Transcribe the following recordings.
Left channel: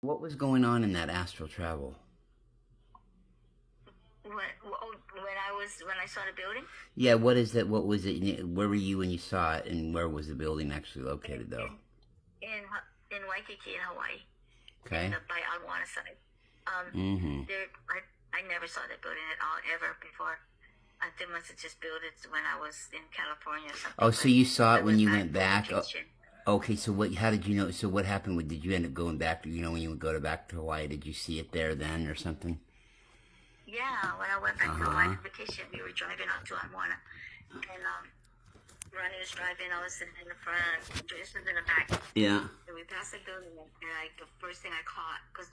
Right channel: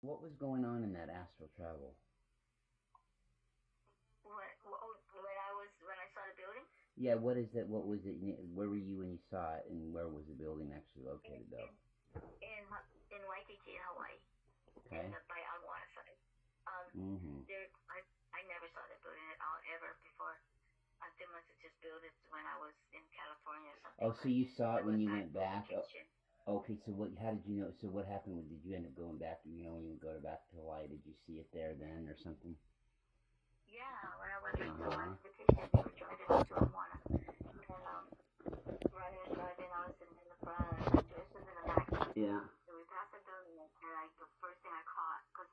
What was going on in that astral travel? When I saw the building Yeah, what is that? What was it? Where were you when you saw it, and where was the building actually in located, though? in in Waikiki in Hawaii, in Okay. the by Aguana side. Um, Mm-hmm. I never saw that building at all ever before. I think must have just built it when I was in California or Oh, something. so But you saw I it when went you back went for back? Oh, vacation. okay, so what? How did you know? So what happened? Did you end up going back? When you would go back to Hawaii, did you see it there then, or something? Yeah, when I went Uh back to Hawaii huh. for vacation, we were driving up to Aguana, and Ronnie was driving. I was sitting in the front, Joyce was in the back. Yeah. And we passed the building, and like the first thing I caught, because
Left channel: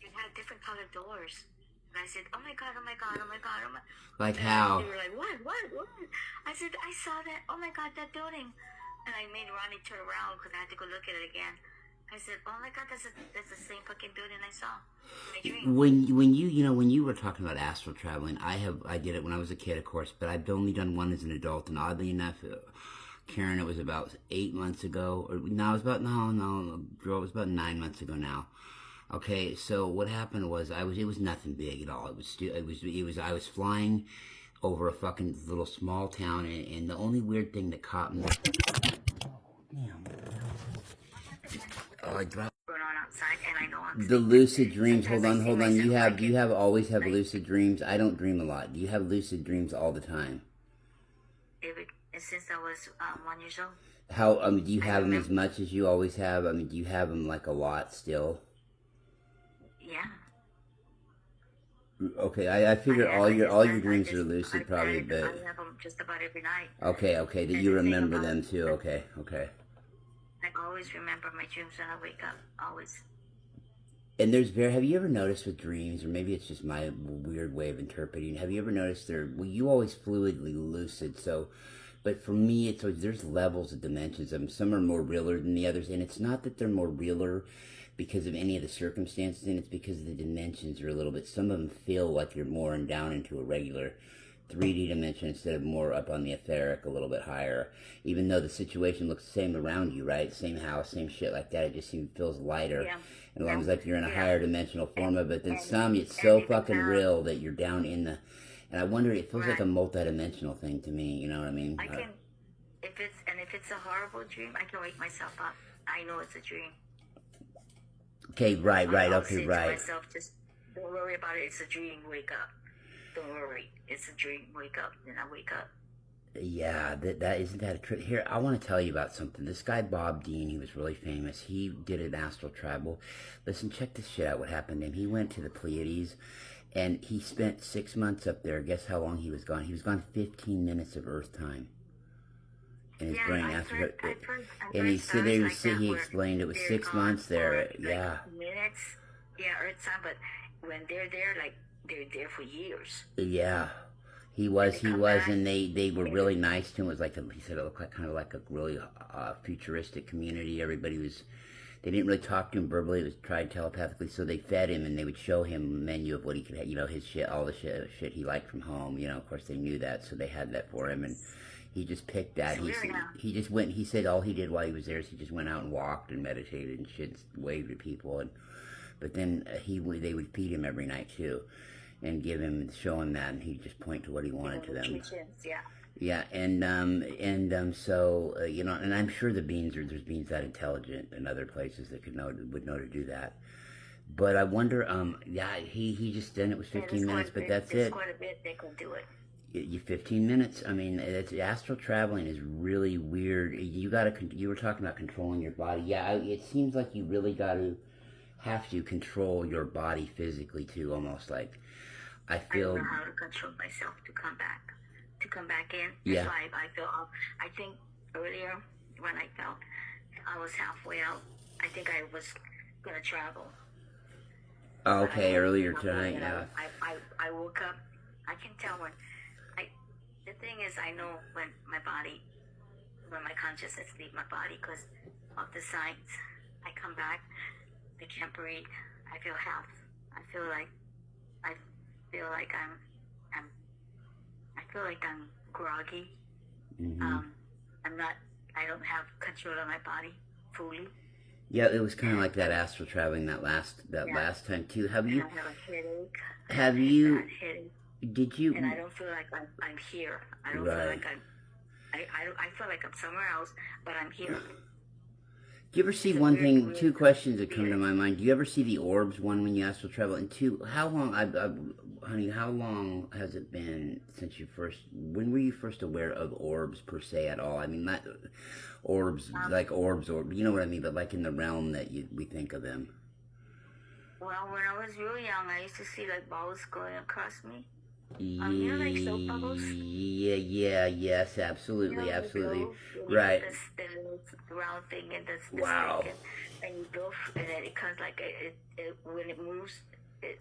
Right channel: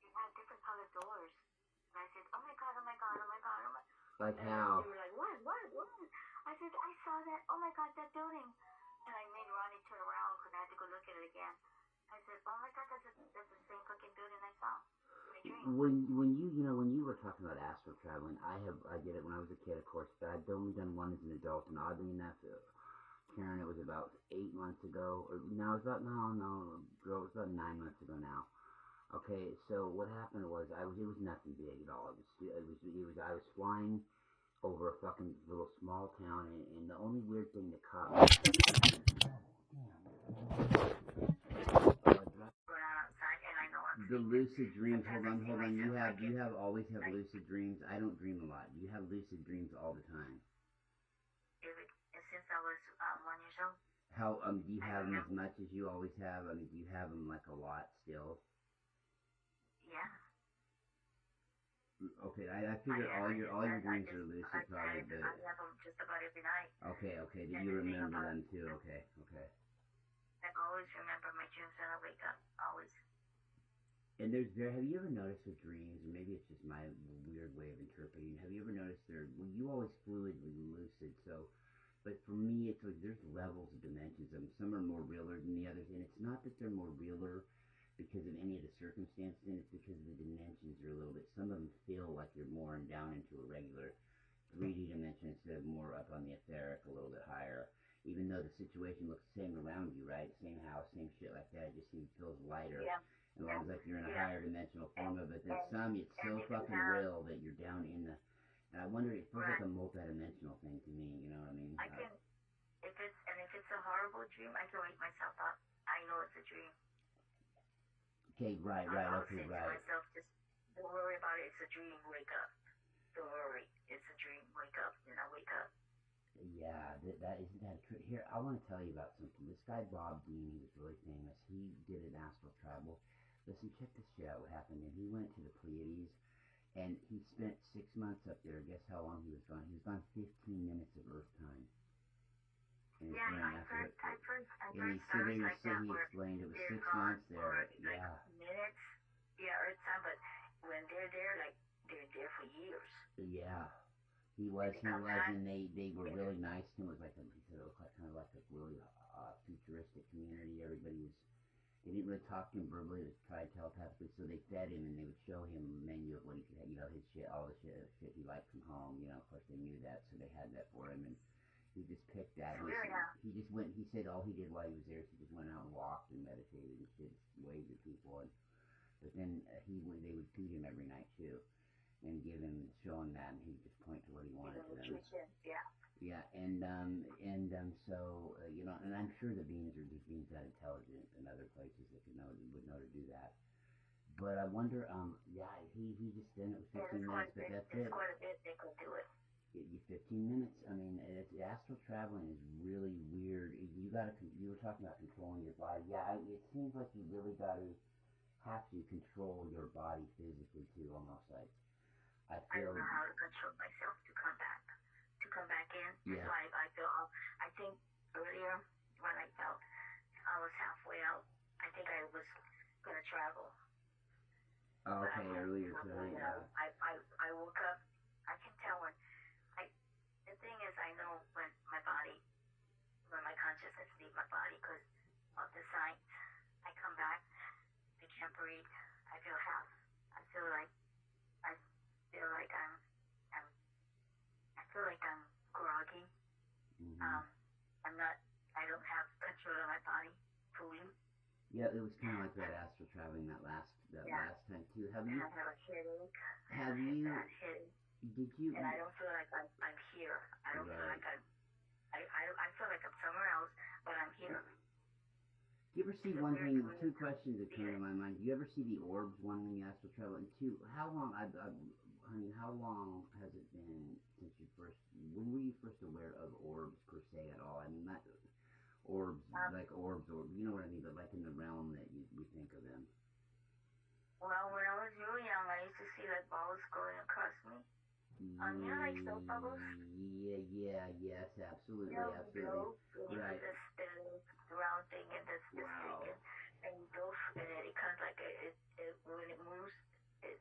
it had different colored doors. And I said, "Oh my god! Oh my god! Oh my god! Oh my!" Like And like they how? were like, "What?" I said, "I saw that! Oh my god, that building!" And I made Ronnie turn around because I had to go look at it again. I said, "Oh my god, that's the same fucking building I saw in my dream." When you were talking about astral traveling, I did it when I was a kid, of course, but I've only done one as an adult, and oddly enough, Karen, it was about 8 months ago, or no, it was about no, girl, it was about 9 months ago now. Okay, so what happened was it was nothing big at all. I was flying over a fucking little small town, and the only weird thing that caught me. Damn. Oh, I dropped. Going on outside, and I know I'm The sleeping. lucid dreams. Sometimes I see Hold on. myself Do like you in have always have like lucid dreams? I don't dream a lot. Do you have lucid dreams all the time? every since I was 1 years old. How do you I have them as remember. much as you always have? Do you have them like a lot still? Yeah, Okay, I figure all your dreams are lucid probably, I but have them just about every night. okay, that And you the thing remember about them too. Okay. I always remember my dreams when I wake up. Always. And have you ever noticed with dreams, or maybe it's just my weird way of interpreting, have you ever noticed you always fluidly lucid, so, but for me, there's levels of dimensions of them. Some are more realer than the others, and it's not that they're more realer because of any of the circumstances, and it's because the dimensions are a little bit, some of them feel like you're more down into a regular 3D dimension instead of more up on the etheric, a little bit higher. Even though the situation looks the same around you, right? Same house, same shit like that. It just feels lighter. Yeah. And Yeah. almost like you're in a Yeah. higher dimensional And form of it. Then and some, it's and so if you fucking have real that you're down in the. And I wonder, it feels like a right, multi-dimensional thing to me. You know what I mean? I can if it's a horrible dream, I can wake myself up. I know it's a dream. Okay, right. I'll Okay, say to right. myself, just don't worry about it. It's a dream. Wake up. Don't worry. It's a dream. Wake up. Then I wake up. Yeah, that isn't that a trick. Here, I want to tell you about something. This guy Bob Dean, he was really famous. He did an astral travel. Listen, check this shit out. What happened to him? He went to the Pleiades, and he spent 6 months up there. Guess how long he was gone? He was gone 15 minutes of Earth time in his Yeah, brain. I've And heard he said stories like that he where explained it was they're 6 months gone for there. like Yeah, minutes. Yeah, Earth time, but when they're there, like they're there for years, yeah. and they He come was, back. and they were And really nice to him. It was he said it looked like kind of like a really futuristic community. Everybody was, they didn't really talk to him verbally. It was tried telepathically. So they fed him, and they would show him a menu of what he could have, his shit, all the shit he liked from home. Of course they knew that, so they had that for him, and he just picked that. it's weird now. He just went. He said all he did while he was there is he just went out and walked and meditated and shit, waved at people, and but then they would feed him every night too, and show him that, and he'd just point to what he wanted to them. Yeah. Yeah, so and I'm sure there's beings that intelligent in other places that would know to do that. But I wonder, yeah, he just then it was Yeah, there's 15 quite minutes, a but bit. that's There's it. quite a bit they could do it. You 15 minutes. I mean, it's astral traveling is really weird. You were talking about controlling your body. Yeah, it seems like you really have to control your body physically too, almost like I I don't feel. know how to control myself to come back in. That's Yeah. why I feel. I think earlier when I felt I was halfway out, I think I was gonna travel, but I Okay, wasn't earlier halfway. tonight. And Yeah. I woke up. I can tell when I. The thing is, I know when my consciousness leave my body because of the signs. I come back. I can't breathe. I feel half. I feel like I feel like I'm I feel like I'm groggy. Mhm. Um, I'm not. I don't have control of my body fully. Yeah, it was kind of like that astral traveling that last time too. Have you? I have a headache. Have you? Headache. Did you? And I don't feel like I'm here. I don't feel like I feel like I'm somewhere else, but I'm here. Do you ever see one thing? Two questions that come to my mind. Do you ever see the orbs? One, when you astral travel, and two, how long? Honey, how long has it been since you first? When were you first aware of orbs per se at all? I mean, not orbs like orbs, or you know what I mean, but like in the realm that we think of them. Well, when I was real young, I used to see like balls going across me. Yeah, you know, like soap bubbles? yes, absolutely, You know, absolutely, you right. the little round thing and the Wow. stick, and you go, and then it comes like when it moves, it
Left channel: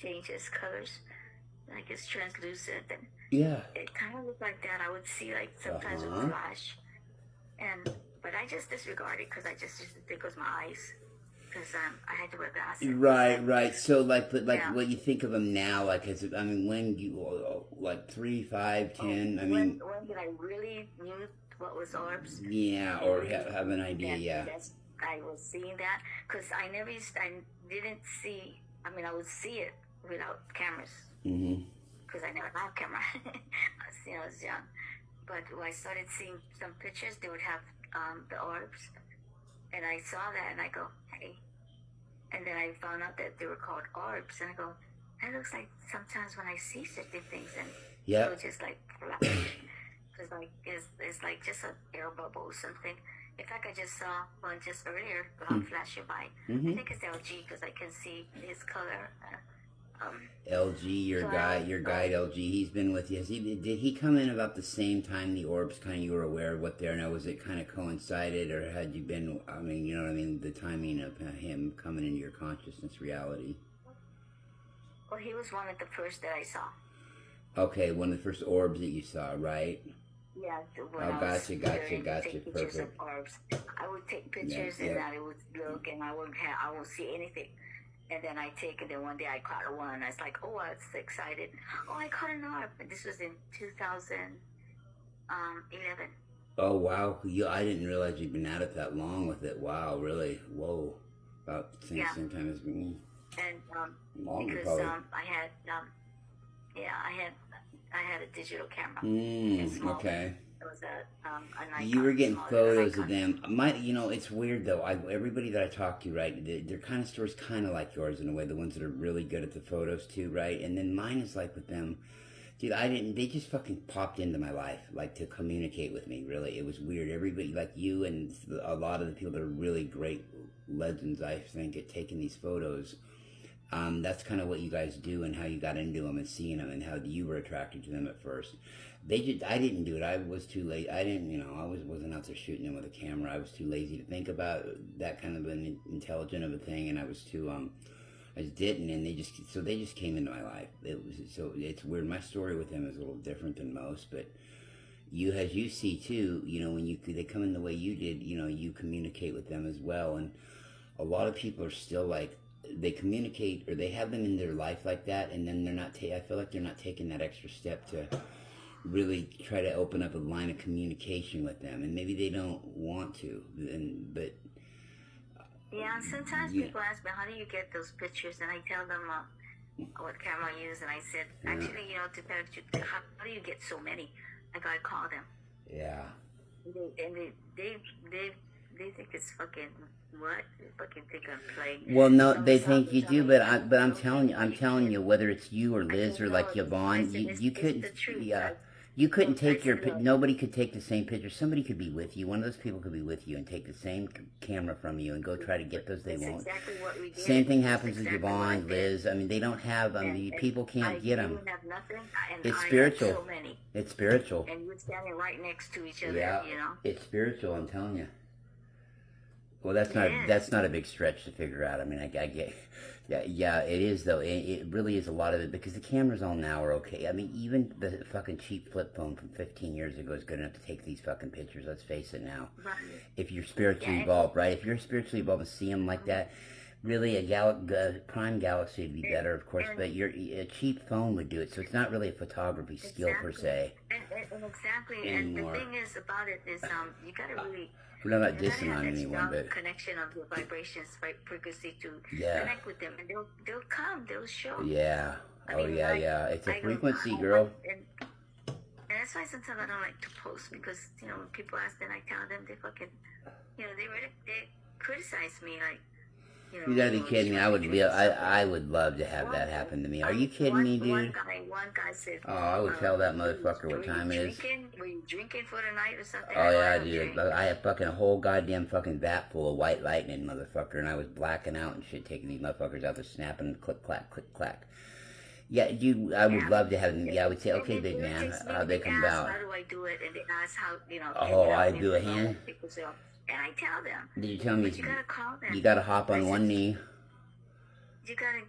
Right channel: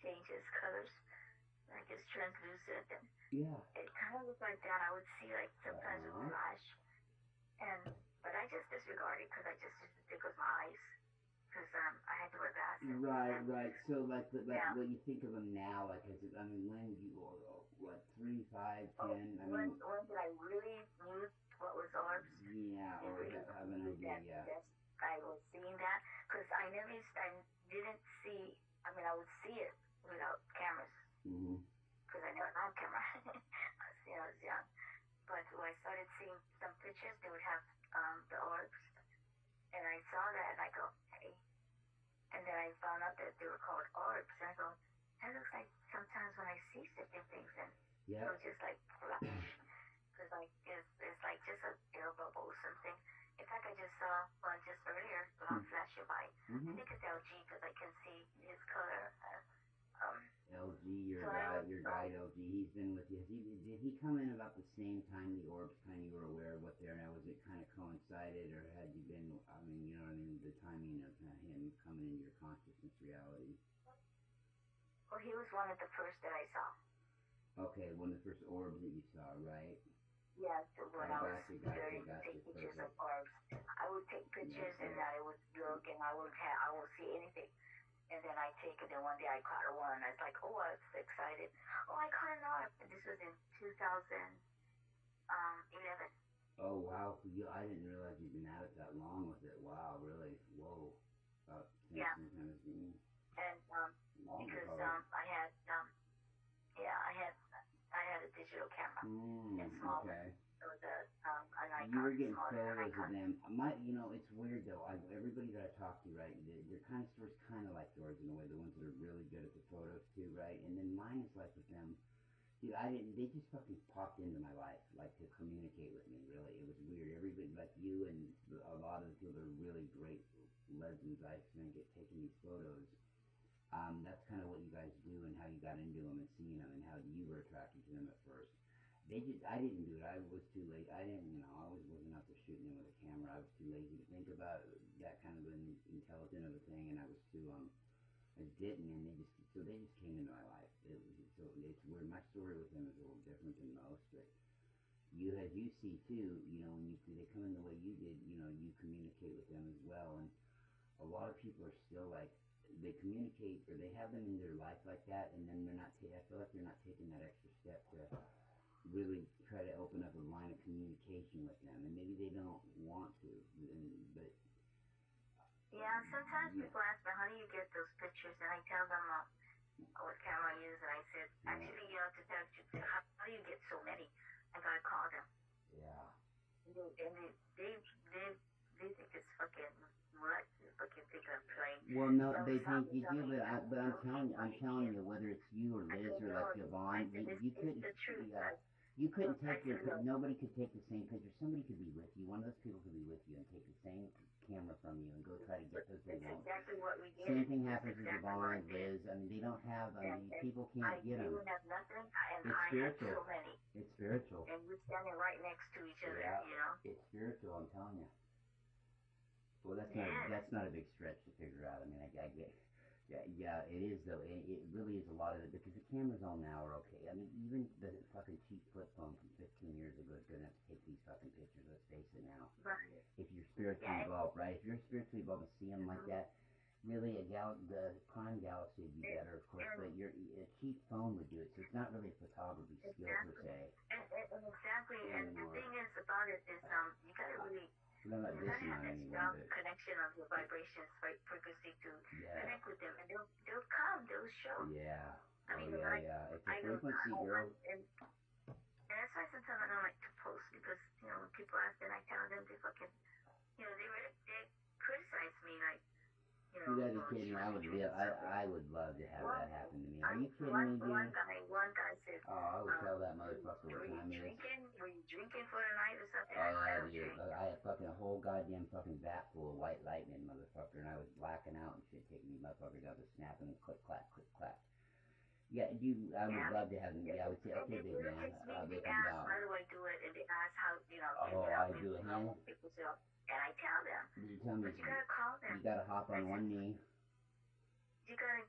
changes colors, like it's translucent, and Yeah. it kind of looked like that. I would see like sometimes it would flash, but I just disregard it because I just used to think it was my eyes. Because I had to wear glasses. Right. So, like, but like, what you think of them now? Like, I mean, when you like 3, 5, 10? I mean, when did I really knew what was orbs? Yeah, or have an idea. Yeah. I was seeing that because I didn't see. I mean, I would see it without cameras. Because I never had a camera. I was young, but when I started seeing some pictures, they would have the orbs. And I saw that, and I go, hey. And then I found out that they were called orbs, and I go, that looks like sometimes when I see certain things, and it would just like flash. Because like it's like just an air bubble or something. In fact, I just saw one just earlier flashing by. I think it's LG because I can see his color. LG, your guide LG, he's been with you. Did he come in about the same time the orbs kind of you were aware of what they're now? Was it kind of coincided, or had you been, I mean, you know what I mean, the timing of him coming into your consciousness reality? Well, he was one of the first that I saw. Okay, one of the first orbs that you saw, right? Yeah. Gotcha, perfect. Of orbs. I would take pictures and then I would look and I won't see anything. And then I take it, and one day I caught one, and I was like, oh, I was excited. Oh, I caught an orb. And this was in 2011. Oh, wow. I didn't realize you'd been at it that long with it. Wow, really? Whoa. About the same time as me. And longer, because probably. I had a digital camera. Okay. It was a Nikon. You were getting photos of them. It's weird though. Everybody that I talk to, right, their kind of stories kind of like yours in a way. The ones that are really good at the photos too, right? And then mine is like with them, dude. They just fucking popped into my life, like to communicate with me. Really, it was weird. Everybody, like you and a lot of the people that are really great legends, I think, at taking these photos. That's kind of what you guys do and how you got into them and seeing them and how you were attracted to them at first. I didn't do it. I was too late. I didn't, I wasn't out there shooting them with a camera. I was too lazy to think about that kind of an intelligent of a thing, and I was too, I just didn't, and they just came into my life. It's weird. My story with them is a little different than most, but as you see too, when they come in the way you did, you communicate with them as well, and a lot of people are still like, they communicate or they have them in their life like that, and then I feel like they're not taking that extra step to really try to open up a line of communication with them, and maybe they don't want to, but sometimes people ask me, how do you get those pictures, and I tell them what camera I use, and I said, actually, to tell you, how do you get so many? I call them. They think it's fucking what? They fucking think I'm playing. Well, no, they think you do, but I'm telling you, whether it's you or Liz or like Yvonne, you couldn't, you couldn't take nobody could take the same picture. Somebody could be with you. One of those people could be with you and take the same camera from you and go try to get those. They won't. Exactly what we did. Same thing happens with Yvonne, Liz. I mean, they don't have. People can't get them. Have nothing, it's spiritual. So many. It's spiritual. And we're standing right next to each other. Yeah, it's spiritual. I'm telling you. Well, that's not a big stretch to figure out. I mean, I get, yeah, it is though. It really is a lot of it because the cameras all now are okay. I mean, even the fucking cheap flip phone from 15 years ago is good enough to take these fucking pictures. Let's face it now. Right. If you're spiritually evolved, right? If you're spiritually evolved and see them like that, really a prime galaxy would be better, of course. But a cheap phone would do it. So it's not really a photography skill per se. And exactly. And the thing is about it is, you gotta really. We're not And I dissing have on that anyone, strong but connection of the vibrations, frequency to yeah, connect with them, and they'll come, they'll show. yeah, I oh mean, yeah, like yeah. It's a I don't, frequency, I girl. and that's why sometimes I don't like to post because when people ask, then I tell them they fucking, they criticize me like. You gotta be kidding me! I would love to have that happen to me. Are you kidding me, dude? One guy said, Oh, I would tell that motherfucker what time it is. Were you drinking for the night or something? Oh yeah, dude. I had fucking a whole goddamn fucking vat full of white lightning, motherfucker, and I was blacking out and shit, taking these motherfuckers out there, snapping, click clack, click clack. Yeah, dude, I would love to have them. Yeah, I would say, okay, big man, how'd they come about? How do I do it? And they ask how, Oh, I do a hand. And I tell them. Did you tell me? You gotta call them. You gotta hop on one knee. You gotta.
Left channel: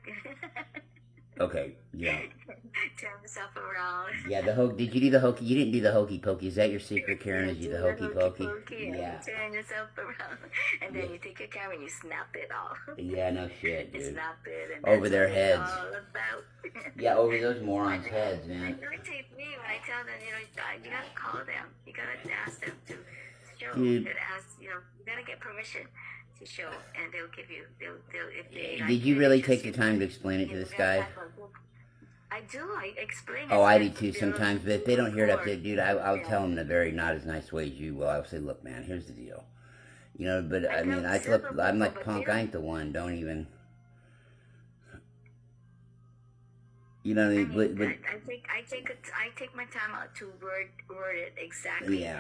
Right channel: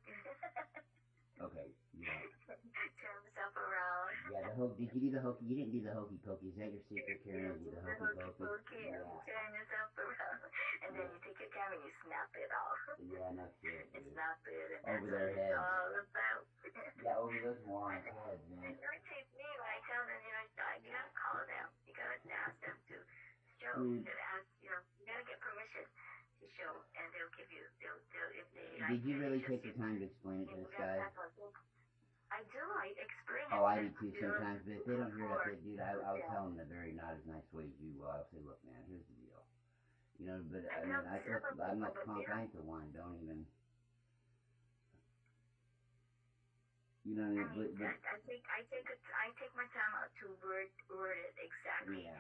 Okay, yeah. Turn yourself around. Yeah, did you do the hokey? You didn't do the hokey pokey. Is that your secret, Karen? Is you the hokey pokey? Yeah. Turn yourself around, and then you take your camera and you snap it off. Yeah, no shit, dude. Snap it, and over their heads. All about. Yeah, over those morons' heads, man. It irritates me when I tell them, you gotta call them. You gotta ask them to show. Dude. You gotta get permission to show, and they'll give you. If they. Did you really take the time to explain it to this guy? I do. I explain. Oh, I do too sometimes. But if they don't hear it up there, dude, I'll tell them in a very not as nice way as you will. I'll say, look, man, here's the deal. But I mean, I'm like punk. I ain't the one. Don't even. You know what I mean? I take my time out to word it exactly. Yeah.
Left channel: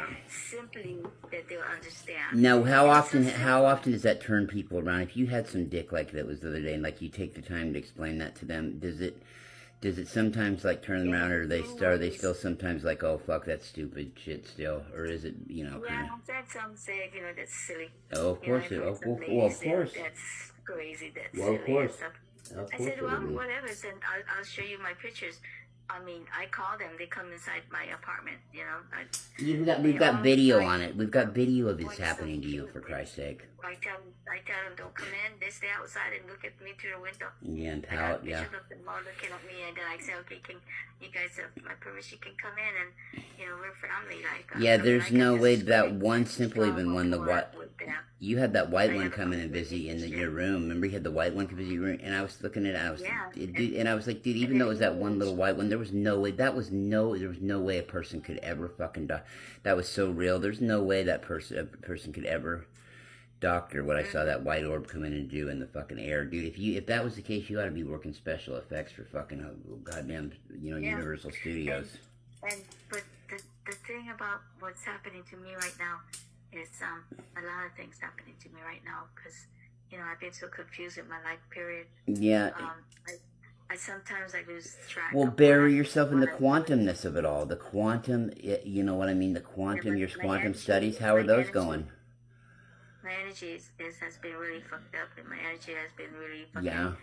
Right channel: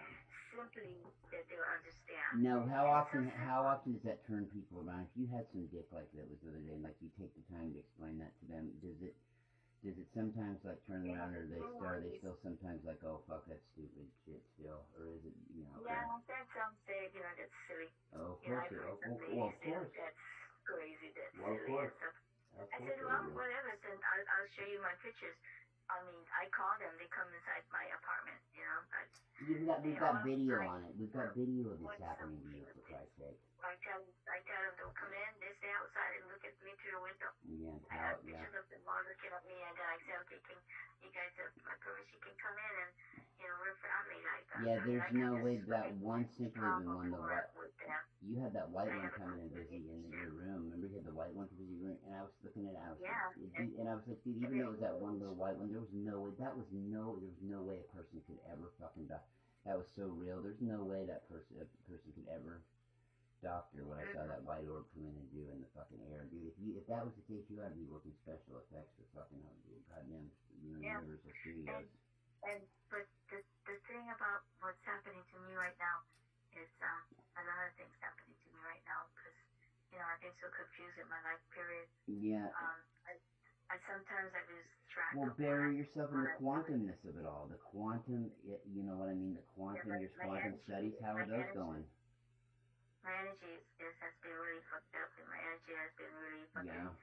Simply that they'll understand. Now, how often does that turn people around? If you had some dick like that was the other day, and like you take the time to explain that to them, does it sometimes like turn them around, or are they still sometimes like, oh fuck, that's stupid shit still, or is it Yeah, I've had some say, that's silly. Oh, of course it. Well, of course. That's crazy. That's silly. Of course. I said, well, it is. whatever. And I'll show you my pictures. I mean, I call them. They come inside my apartment. We've got video on it. We've got video of this happening to you, for Christ's sake. I tell them, don't come in. They stay outside and look at me through the window. Yeah, and I got yeah. pictures of them all looking at me, and then I say, okay, can you guys have my permission? Can come in, and we're family. Yeah, there's no way that one simple even one you had that white one come in and visit in your room. Remember, you had the white one come visit your room, and I was looking at it. And I was like, dude, even though it was that one little white one, there was no way. There was no way a person could ever fucking die. That was so real. There's no way that a person could ever doctor what I saw that white orb come in and do in the fucking air, dude. If that was the case, you ought to be working special effects for fucking goddamn Universal Studios. But the thing about what's happening to me right now is a lot of things happening to me right now because I've been so confused in my life period. Yeah. I sometimes lose track. Well, bury yourself in the quantumness of it all. The quantum, you know what I mean? The quantum, your quantum studies. How are those going? My energy has been really fucked up, and my energy has been really fucking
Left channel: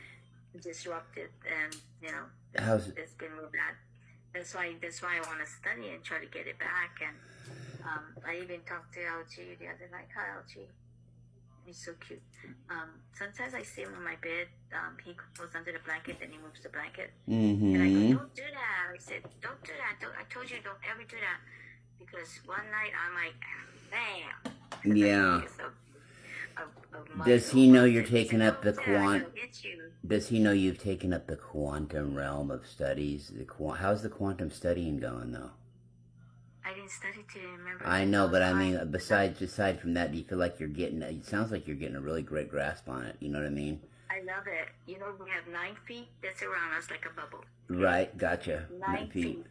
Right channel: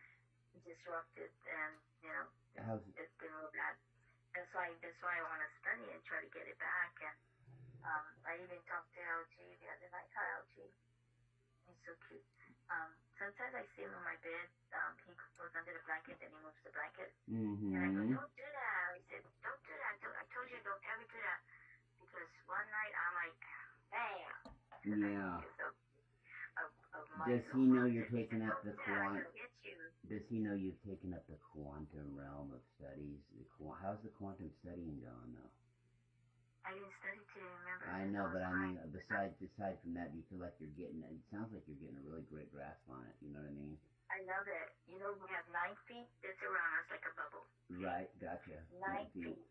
disrupted, and it's been real bad. That's why I want to study and try to get it back. And I even talked to LG the other night. Hi, LG. He's so cute. Sometimes I see him on my bed. He goes under the blanket, and he moves the blanket. Mm-hmm. And I go, don't do that. I said, don't do that. I told you, don't ever do that. Because one night I'm like, bam. Yeah. Does he know you're taking up the Does he know you've taken up the quantum realm of studies? How's the quantum studying going, though? I didn't study to remember. I know, but I mean, aside from that, do you feel like you're getting? It sounds like you're getting a really great grasp on it. You know what I mean? I love it. We have 9 feet that's around us like a bubble. Right, gotcha. 9 feet,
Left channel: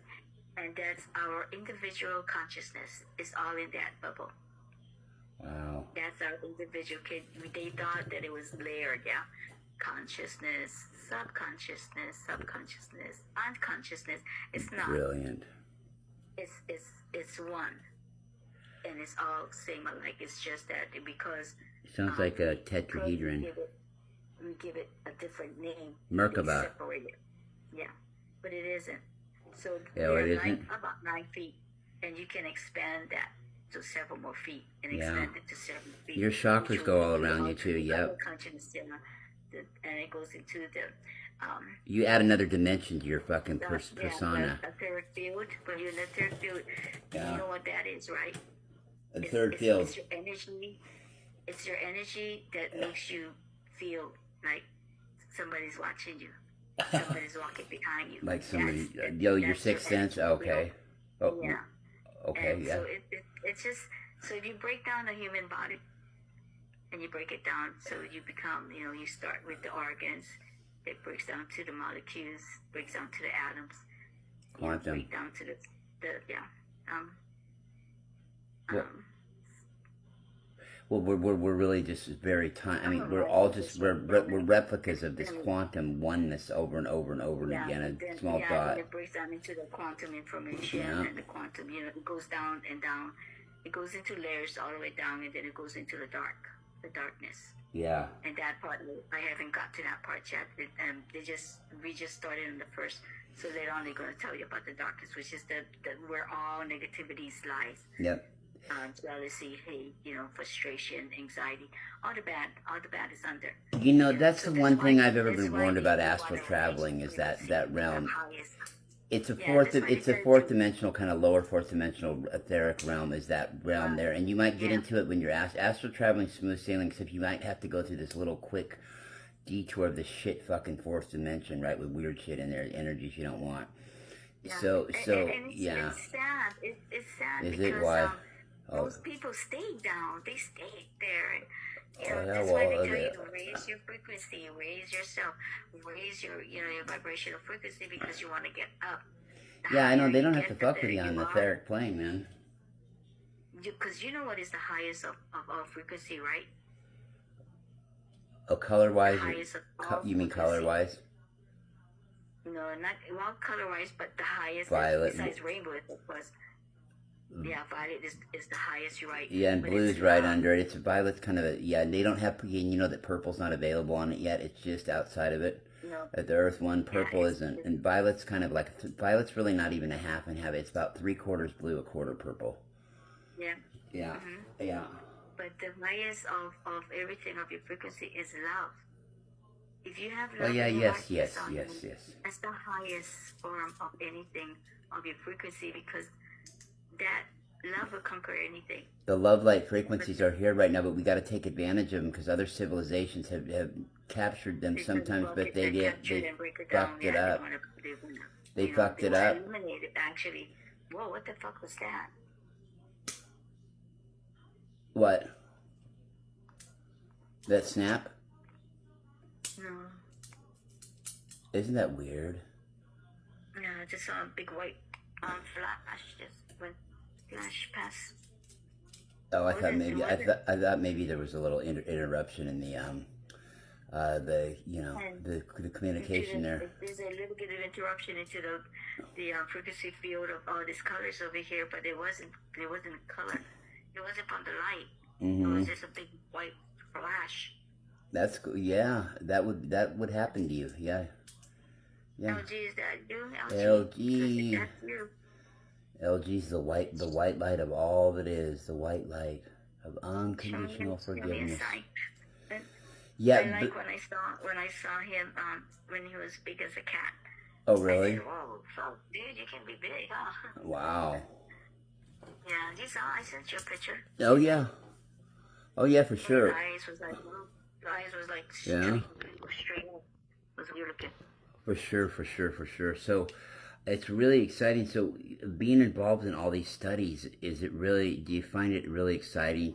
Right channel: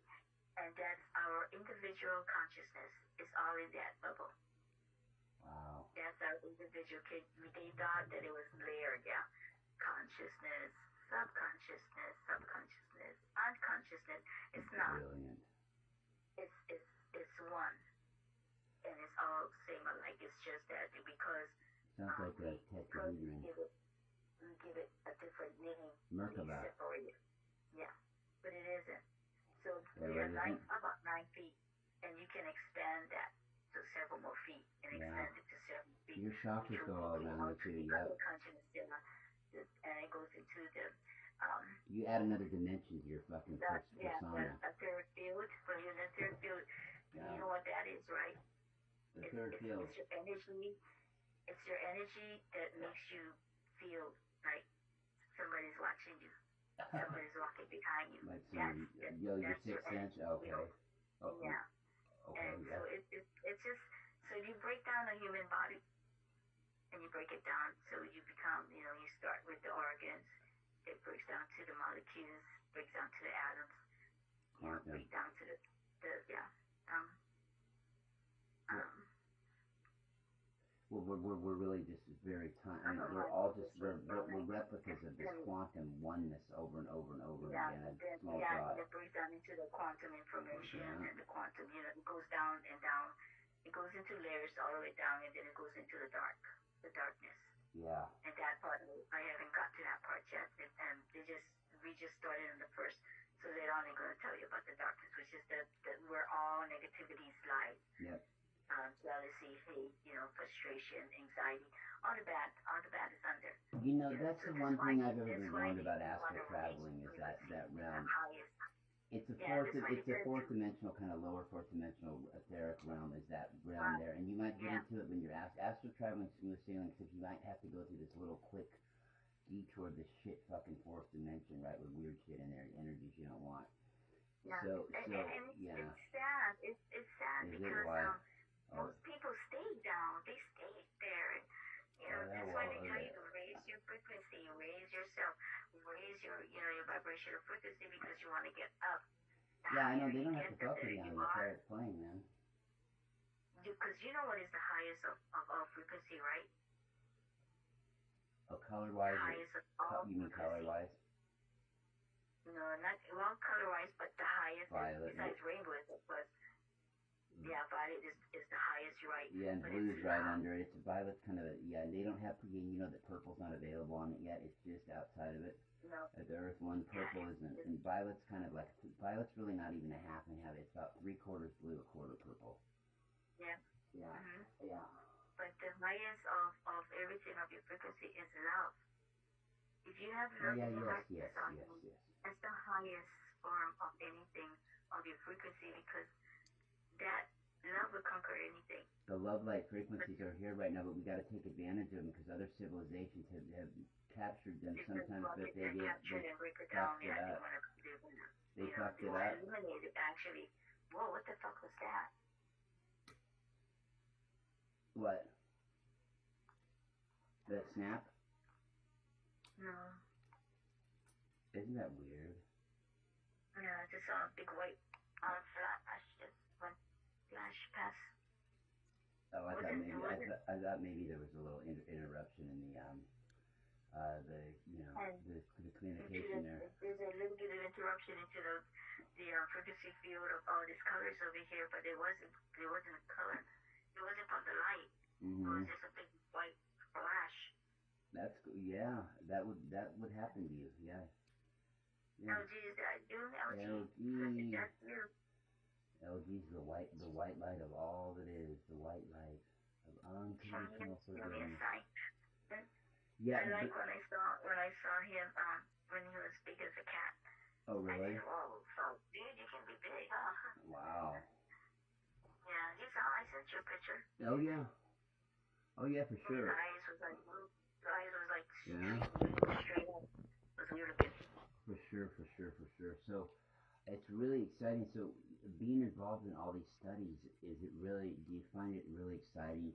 and that's our individual consciousness. Is all in that bubble. Wow. That's our individual kid. They thought that it was layered, yeah. Consciousness, subconsciousness, unconsciousness. It's not. Brilliant. It's one, and it's all same alike. It's just that because sounds like a tetrahedron. We give it a different name. Merkaba. Yeah, but it isn't. So it isn't. About 9 feet, and you can expand that to several more feet and extend it to several feet. Your chakras go all around you too. Yep. And it goes into the. You add another dimension to your fucking persona. A etheric field. When you're in the etheric field, you know what that is, right? A third field. It's your energy. It's your energy that makes you feel like somebody's watching you. Somebody's walking behind you. Like somebody, your sixth sense. Okay. Oh, yeah. Okay. And yeah. so it's just, so if you break down a human body, and you break it down, so you become, you start with the organs. It breaks down to the molecules, breaks down to the atoms. Quantum. Break down to the well, we're really just very I mean, we're all just we're replicas of this quantum oneness over and over and over again. A small dot. And it breaks down into the quantum information and the quantum. It goes down and down. It goes into layers all the way down, and then it goes into the darkness. Yeah. And that part, I haven't got to that part yet. We just started on the first. So later on, they're going to tell you about the darkness, which is where all negativities lies. Yep. Jealousy, hate, frustration, anxiety, all the bad is under. That's the one thing I've ever been warned about astral traveling is that realm. It's a fourth dimensional, kind of lower fourth dimensional etheric realm is that realm there, and you might get into it when you're astral traveling smooth sailing, except you might have to go through this little quick detour of the shit fucking fourth dimension, right, with weird shit in there, energies you don't want. Yeah. So and yeah. It's sad. It's sad Is because it why? most people stay down. They stay there. And, yeah, that's why they tell you to raise your frequency, raise yourself, raise your your vibrational frequency because you want to get up. Yeah, I know they don't have to fuck with you on the etheric plane, man. Because you know what is the highest of all frequency, right? Oh, color-wise? You mean color-wise? No, not color-wise, but the highest. Violet. Besides rainbow, of course. Yeah, violet is the highest, you're right. Yeah, and blue's right under it. It's violet's kind of they don't have, you know that purple's not available on it yet. It's just outside of it. No. At the Earth one, purple isn't. And violet's kind of like, violet's really not even a half and half. It's about 3/4 blue, 1/4 purple. Yeah. Yeah. Mm-hmm. Yeah. But the highest of everything of your frequency is love. If you have love, yes. That's the highest form of anything of your frequency because that love will conquer anything. The love light frequencies are here right now, but we got to take advantage of them because other civilizations have captured them sometimes, but they fucked it up. They fucked it up. Eliminated, actually. Whoa, what the fuck was that? What? That snap? No. Isn't that weird? No, I just saw a big white flash just went flash past. Oh, I thought maybe there was a little interruption in the the communication there. There's a little bit of interruption into the frequency field of all these colors over here, but it wasn't a color. It wasn't from the light. Mm-hmm. It was just a big white flash. That's cool. Yeah, that would happen to you. Yeah. LG, is that you? LG. That's you. LG's the white light of all that is, the white light of unconditional forgiveness. Yeah, I like when I saw him when he was big as a cat. Oh really? I said, whoa, so dude, you can be big, huh? Wow. Yeah, you saw. I sent you a picture. Oh yeah, for sure. The eyes was like straight up. It was weird looking. For sure. So it's really exciting. So being involved in all these studies, do you find it really exciting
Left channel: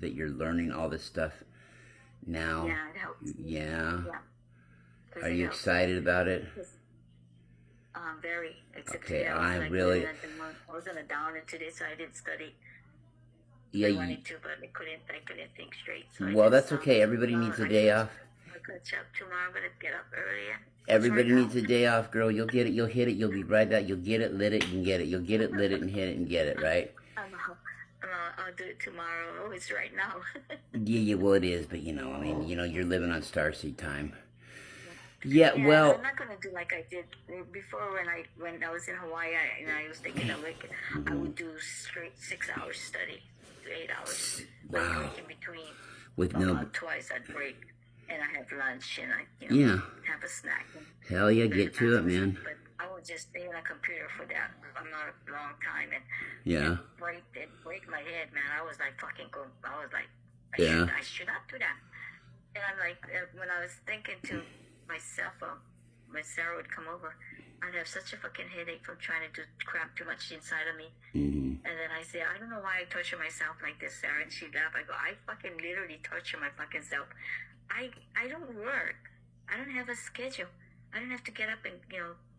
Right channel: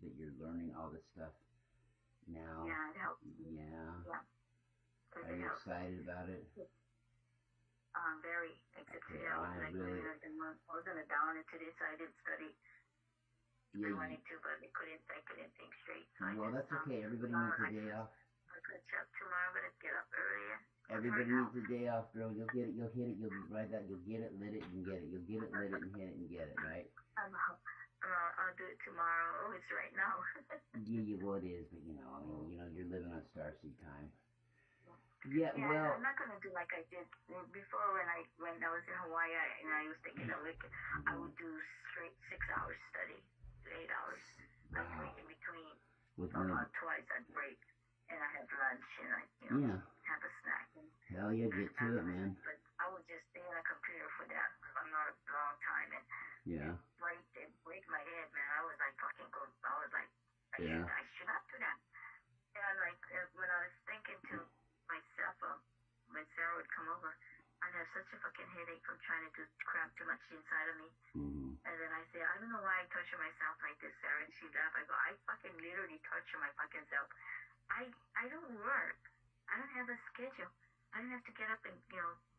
that you're learning all this stuff now? Yeah, it helps. Yeah. Are you excited about it? Very. Okay, I was in a down into this, so I didn't study. Yeah, I wanted to, but I couldn't think straight. So well, that's okay. Everybody needs a day off. I could up tomorrow. I'm gonna get up earlier. Everybody needs a day off, girl. You'll get it. You'll hit it. You'll be right back. You'll get it, lit it, and get it. You'll get it, lit it, and hit it, and get it, right? I'll do it tomorrow. Oh, it's right now. Yeah, well, it is, but you're living on starseed time. Yeah, well, I'm not gonna do like I did before when I was in Hawaii and I was taking a week. I would do straight 6 hours study to 8 hours. Wow. Break in between. With twice I'd break, and I have lunch and I have a snack. Hell yeah, get to it, man. But I would just stay on a computer for that amount of long time and it break my head, man. I was like I should not do that. And I'm like, when I was thinking to myself, my Sarah would come over, I'd have such a fucking headache from trying to cram too much inside of me. Mm-hmm. And then I say, I don't know why I torture myself like this, Sarah. And she'd laugh. I go, I fucking literally torture my fucking self. I don't work. I don't have a schedule. I don't have to get up and,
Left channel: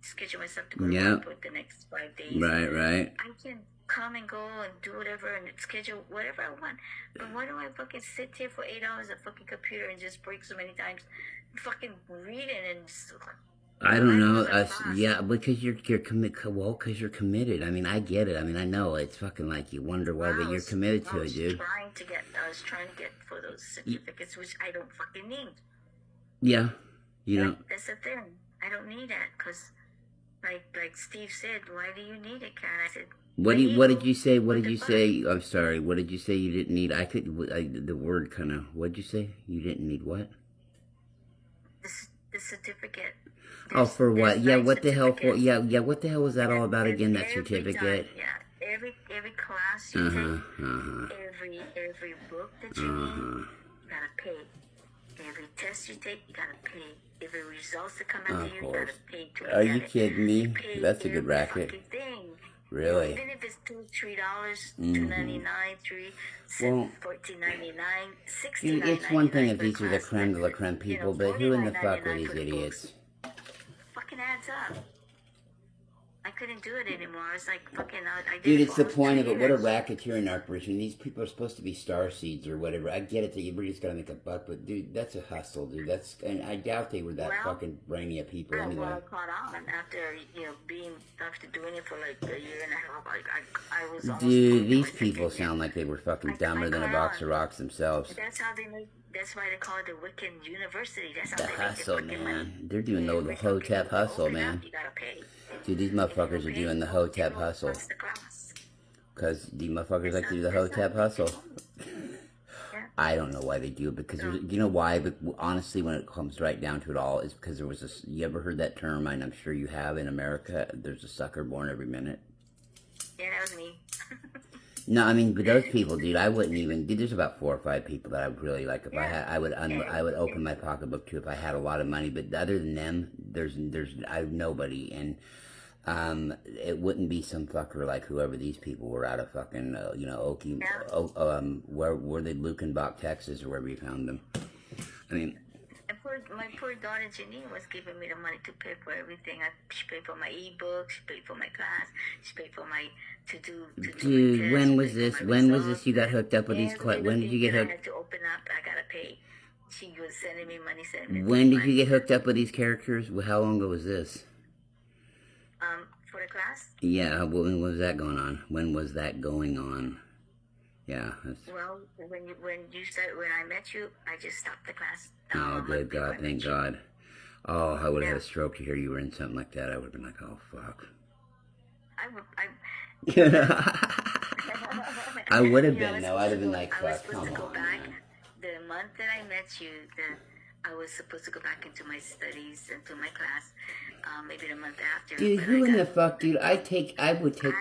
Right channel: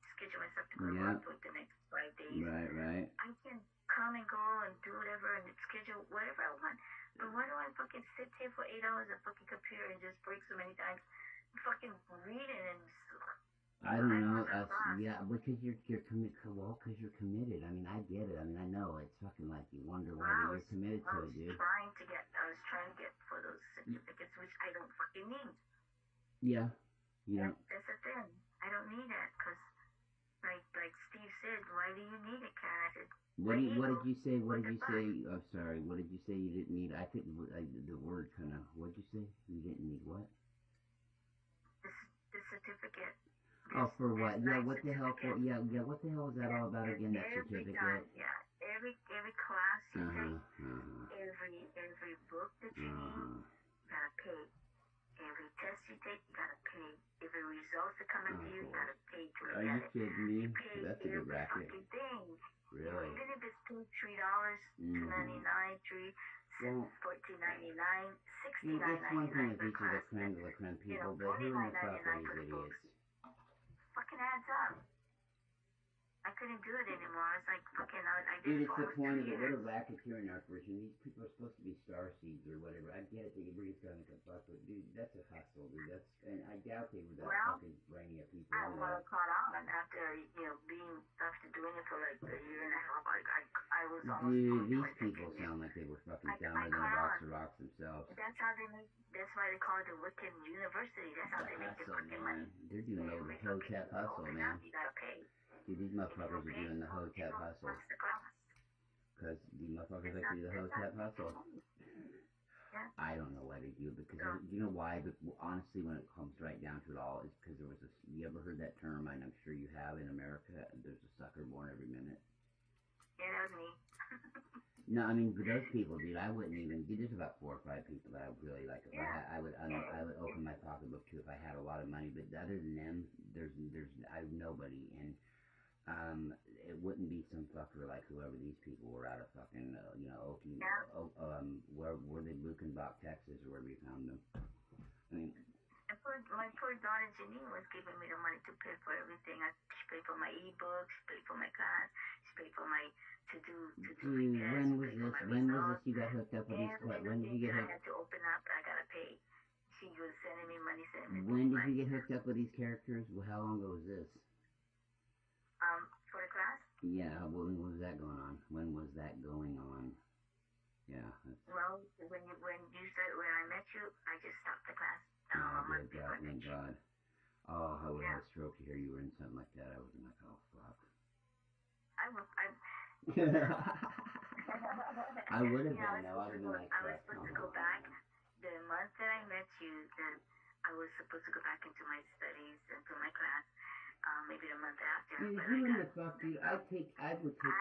schedule myself to go to work for the next 5 days. Right. I can come and go and do whatever and schedule whatever I want. But why do I fucking sit here for 8 hours at fucking computer and just break so many times, fucking reading and I don't know. Because you're because you're committed. I mean, I get it. I mean, I know it's fucking like you wonder why, but you're committed to it, dude. I was trying to get for those certificates, which I don't fucking need. Yeah, you don't. That's the thing. I don't need that because, like Steve said, why do you need it, Karen? I said. What did you say? What did you say? I'm sorry. What did you say you didn't need? The word kind of. What did you say? You didn't need what? The certificate. For what? Yeah, what the hell for? Yeah, what the hell was that all about again? That certificate? Every class you take, every book that you read, you gotta pay. Every test you take, you gotta pay. Every results that come into you, you gotta pay to. Are you kidding me? That's a good racket. Really? Even if it's $2, $3, $2.99, $14.99, $16.99. It's one thing if these are the creme de la creme people, but who in the fuck are these idiots? Fucking adds up. I couldn't do it anymore. I was like, fucking, I did. Dude, it's the point of it. What a racketeering operation. These people are supposed to be starseeds or whatever. I get it that you just gotta make a buck, but dude, that's a hustle, dude. And I doubt they were that fucking brainy of people anyway. Well, I caught on after doing it for like a year and a half. I was almost. Dude, these people sound like they were fucking dumber than a box of rocks themselves. That's how they make. That's why they call it the Wiccan University. That's how the they hustle, make their man. money. They're doing the hotep hustle, man. You gotta pay. Dude, these motherfuckers are doing the hotep hustle. Because these motherfuckers like to do the hotep hustle. I don't know why they do it, because you know why? But honestly, when it comes right down to it all, is because there was this. You ever heard that term? And I'm sure you have in America. There's a sucker born every minute. Yeah, that was me. No, I mean, but those people, dude, I wouldn't even. Dude, there's about 4 or 5 people that I would really like. If I had, I would open my pocketbook to if I had a lot of money. But other than them, there's nobody. And it wouldn't be some fucker like whoever these people were out of fucking, Okie, where were they, Lukenbach, Texas, or wherever you found them. I mean, my poor daughter Janine was giving me the money to pay for everything. She paid for my ebook, she paid for my class, she paid for my to do. Dude, when was this? When was this? You got hooked up with these? When did you get hooked? I had to open up. I gotta pay. She was sending me money. When did you get hooked up with these characters? How long ago was this? For the class? Yeah, when was that going on? When was that going on? Yeah. Well, when I met you, I just stopped the class. Oh, good God, thank God. Oh, I would have had a stroke to hear you were in something like that. I would have been like, oh, fuck. I would have been, though. I'd have been like, fuck, I was supposed to go back. The month that I met you, I was supposed to go back into my studies, into my class. Maybe the month after. Dude, who in the fuck, dude? I would take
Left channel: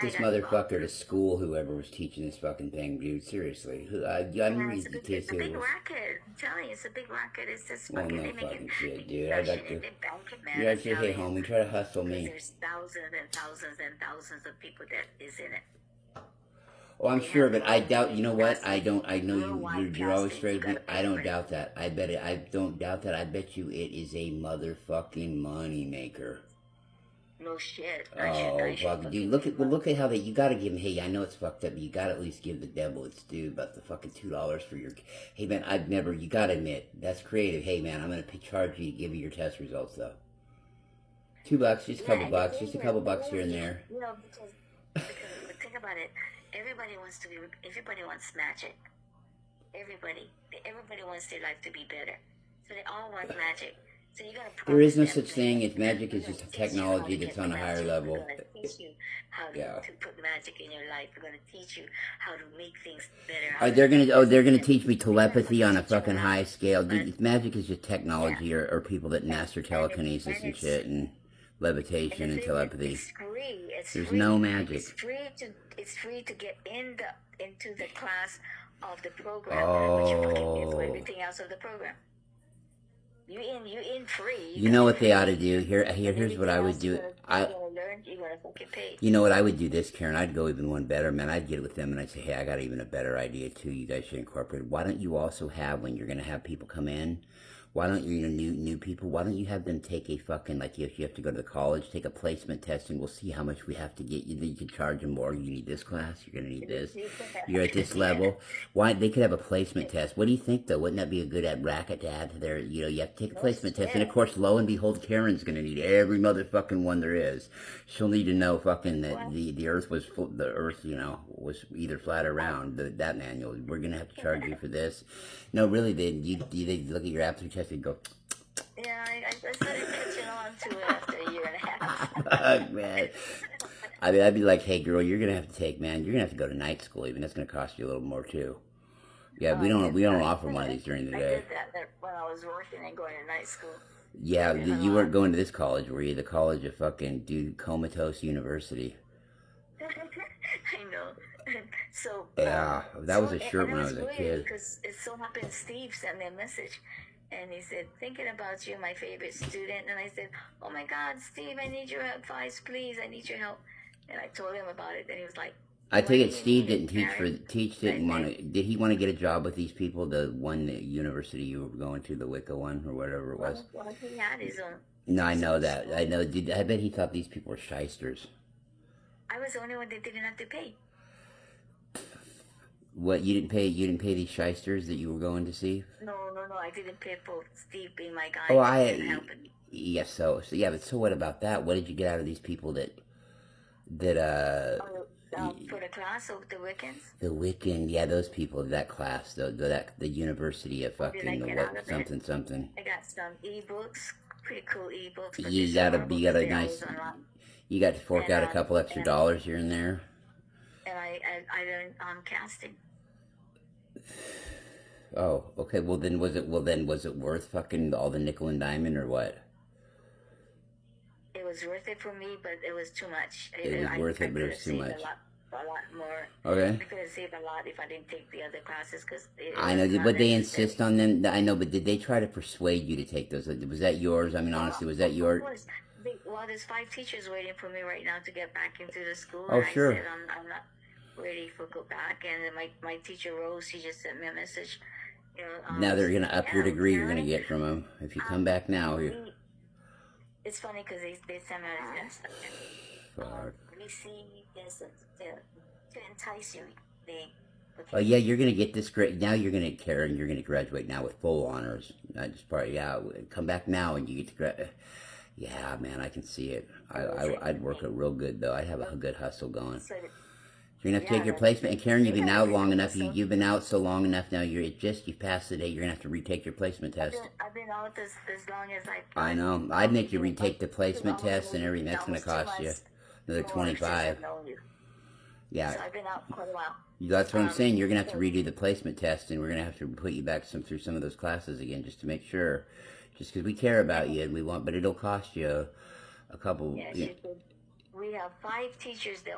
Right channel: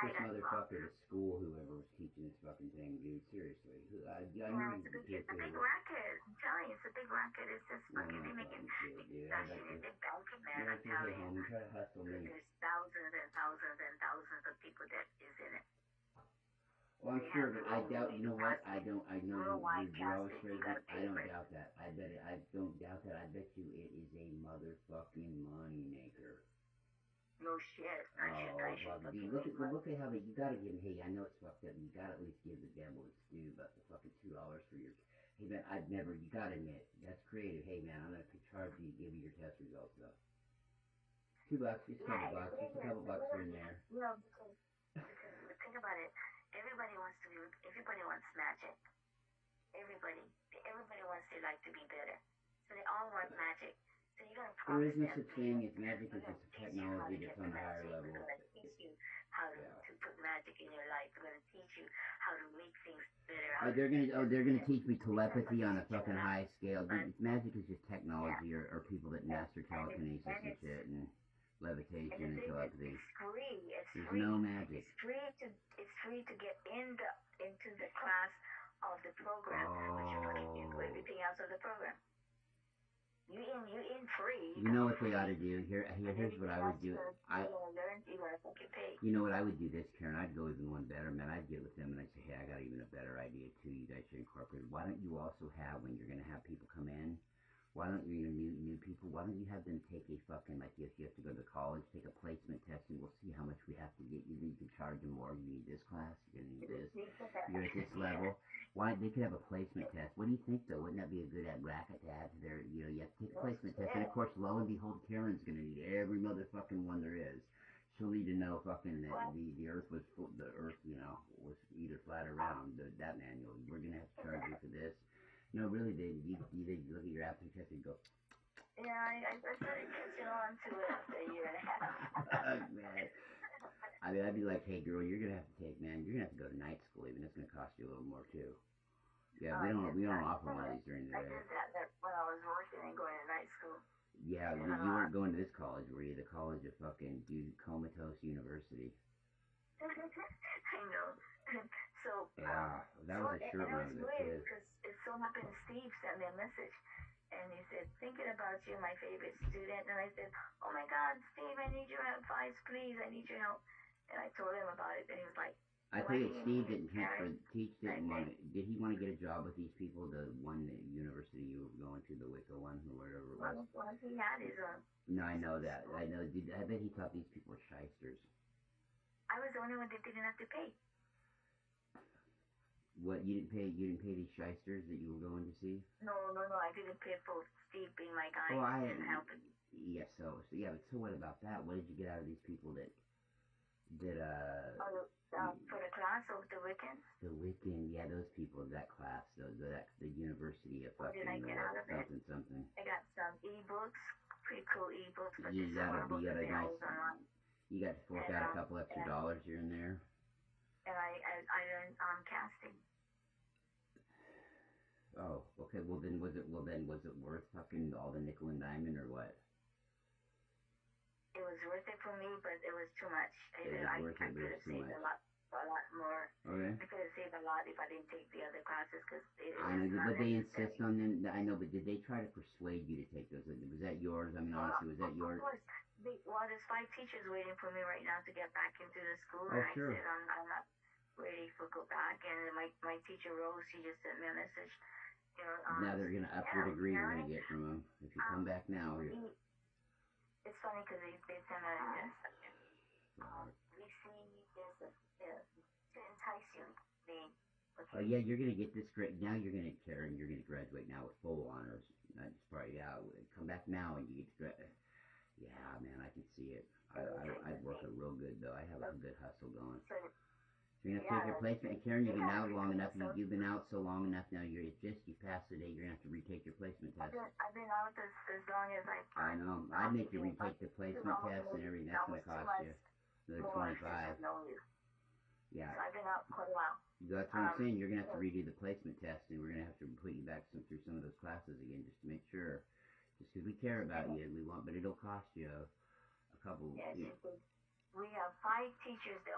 this motherfucker to school, whoever was teaching this fucking thing, dude. Seriously. It's a big racket. I'm telling you, it's a big racket. It's just fucking, no fucking shit, dude. I'd like to. You're actually, hey, homie, try to hustle me. There's thousands and thousands and thousands of people that is in it. Oh, I'm sure of it. I doubt. You know what? I know you're always straight with me. I don't doubt that. I bet it. I don't doubt that. I bet you it is a motherfucking money maker. No shit. Oh, fuck, dude! Look at how you gotta give him. Hey, I know it's fucked up, but you gotta at least give the devil its due about the fucking $2 for your. Hey, man, you gotta admit that's creative. Hey, man, I'm gonna charge you to give you your test results though. $2, just a couple bucks, just a couple bucks here and there. You know, because think about it. Everybody wants magic. Everybody wants their life to be better. So they all want magic. So you're gonna. There is no such thing. It's magic is just a technology that's on a higher level. We're gonna teach you how to put magic in your life. We're gonna teach you how to make things better. They're gonna teach me telepathy on a fucking high scale. Dude, magic is just technology, or people that master telekinesis and shit. And levitation and thing is, telepathy. it's free. There's no magic. It's free to get into the class of the program, but you fucking pay for everything else of the program. You in free. You know what they ought to do? Here's what I would do. You know what I would do this, Karen? I'd go even one better, man. I'd get with them and I'd say, hey, I got even a better idea too. You guys should incorporate. Why don't you also have, when you're going to have people come in, why don't you, new people, why don't you have them take a fucking, like if you have to go to the college, take a placement test and we'll see how much we have to get you. Then you can charge them more. You need this class, you're going to need this. You're at this level. Why, they could have a placement test. What do you think though? Wouldn't that be a good racket to add to their, you have to take a placement test. And of course, lo and behold, Karen's going to need every motherfucking one there is. She'll need to know fucking that the earth was, was either flat or round, that manual. We're going to have to charge you for this. No, really, they look at your aptitude test and go. Yeah, I started catching on to it after a year and a half. Fuck, man. I mean, I'd be like, hey, girl, you're gonna have to take, man. You're gonna have to go to night school. Even that's gonna cost you a little more too. Yeah, we don't offer one of these during the day. I did that when I was working and going to night school. Yeah, you weren't going to this college, were you? The college of fucking Comatose University. I know. So yeah, that was a shirt when I was a kid. Because it so happened, Steve sent me a message, and he said, "Thinking about you, my favorite student." And I said, "Oh my God, Steve, I need your advice, please. I need your help." And I told him about it, and he was like, "I take it Steve didn't didn't want to. Did he want to get a job with these people? The university you were going to, the Wicca one or whatever it was." Well, he had his own. No, I know that. I know. I bet he thought these people were shysters. I was the only one that didn't have to pay. What, you didn't pay these shysters that you were going to see? No, I didn't pay for Steve being my guy. Oh, yes, so yeah, but so what about that? What did you get out of these people that for the class of the Wiccans? The Wiccan, yeah, those people, that class, the university of fucking something. I got some ebooks, pretty cool ebooks. You got to fork out a couple extra dollars here and there. And I learned casting. Oh, okay. Well, then was it worth fucking all the nickel and diamond or what? It was worth it for me, but it was too much. It was worth it, but it was too much. A lot more. Okay. I could have saved a lot if I didn't take the other classes, because I know, but they insist on them. I know, but did they try to persuade you to take those? Was that yours? I mean, honestly, was that yours? Of course. Well, there's 5 teachers waiting for me right now to get back into the school. Oh, and sure. I said I'm not ready for go back, and my teacher Rose, she just sent me a message. Now they're gonna up your degree. You're gonna get from them if you come back now. It's funny because they sent me this. We see this to entice you. Oh yeah, you're gonna get this great. Now you're gonna, Karen, you're gonna graduate now with full honors. Not just part. Yeah, come back now and you get to graduate. Yeah, man, I can see it. I'd work it real good though. I'd have a good hustle going. You're gonna have to take your placement. And Karen, you've been out long enough. You've been out so long enough now. You've passed the date. You're gonna have to retake your placement test. I've been out as long as I know. I'd make you retake the placement test and everything. That's gonna cost you another $25. Yeah. So I've been out quite a while. That's what I'm saying. You're gonna have to redo the placement test, and we're gonna have to put you back through some of those classes again, just to make sure. Just because we care about you and we want, but it'll cost you a couple. Yeah, we have 5 teachers that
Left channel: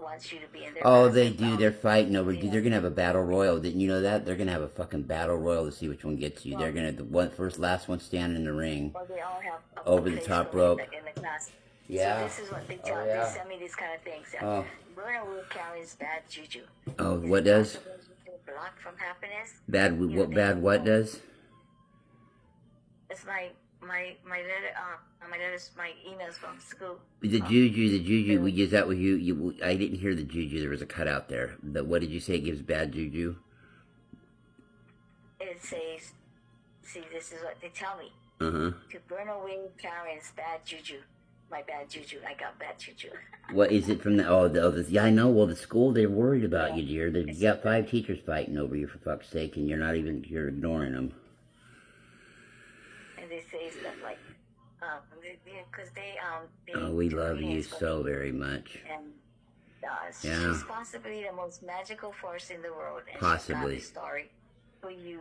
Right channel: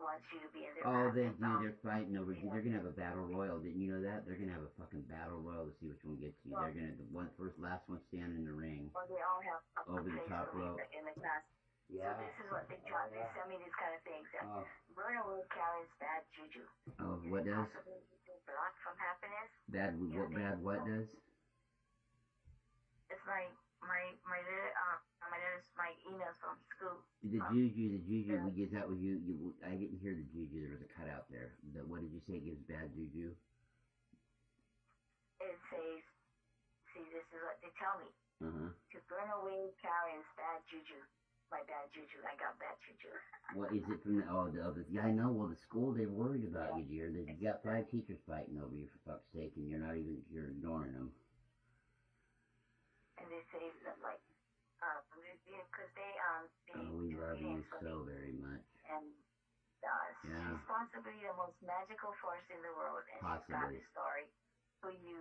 wants you to be in their Oh, class. they do. They're fighting over. Yeah. They're gonna have a battle royal. Didn't you know that? They're gonna have a fucking battle royal to see which one gets you. They're gonna last one standing in the ring. Well, they all have over the top rope. In the class. Yeah. So this is what they tell. They send me these kind of things. Oh. Honolulu carries bad juju. Oh, what does? Blocked from happiness. Bad. What does? It's my letter. My letters, my emails from school. The juju. We use that with you. I didn't hear the juju. There was a cutout there. What did you say? It gives bad juju. It says, "See, this is what they tell me. To burn away Karen's bad juju. My bad juju. I got bad juju." What is it from the? Yeah, I know. Well, the school, they're worried about you, dear. You got 5 teachers fighting over you, for fuck's sake, and you're ignoring them. And they say stuff like, because they oh, we love you so very much. And she's possibly the most magical force in the world. And possibly. She's got a story for you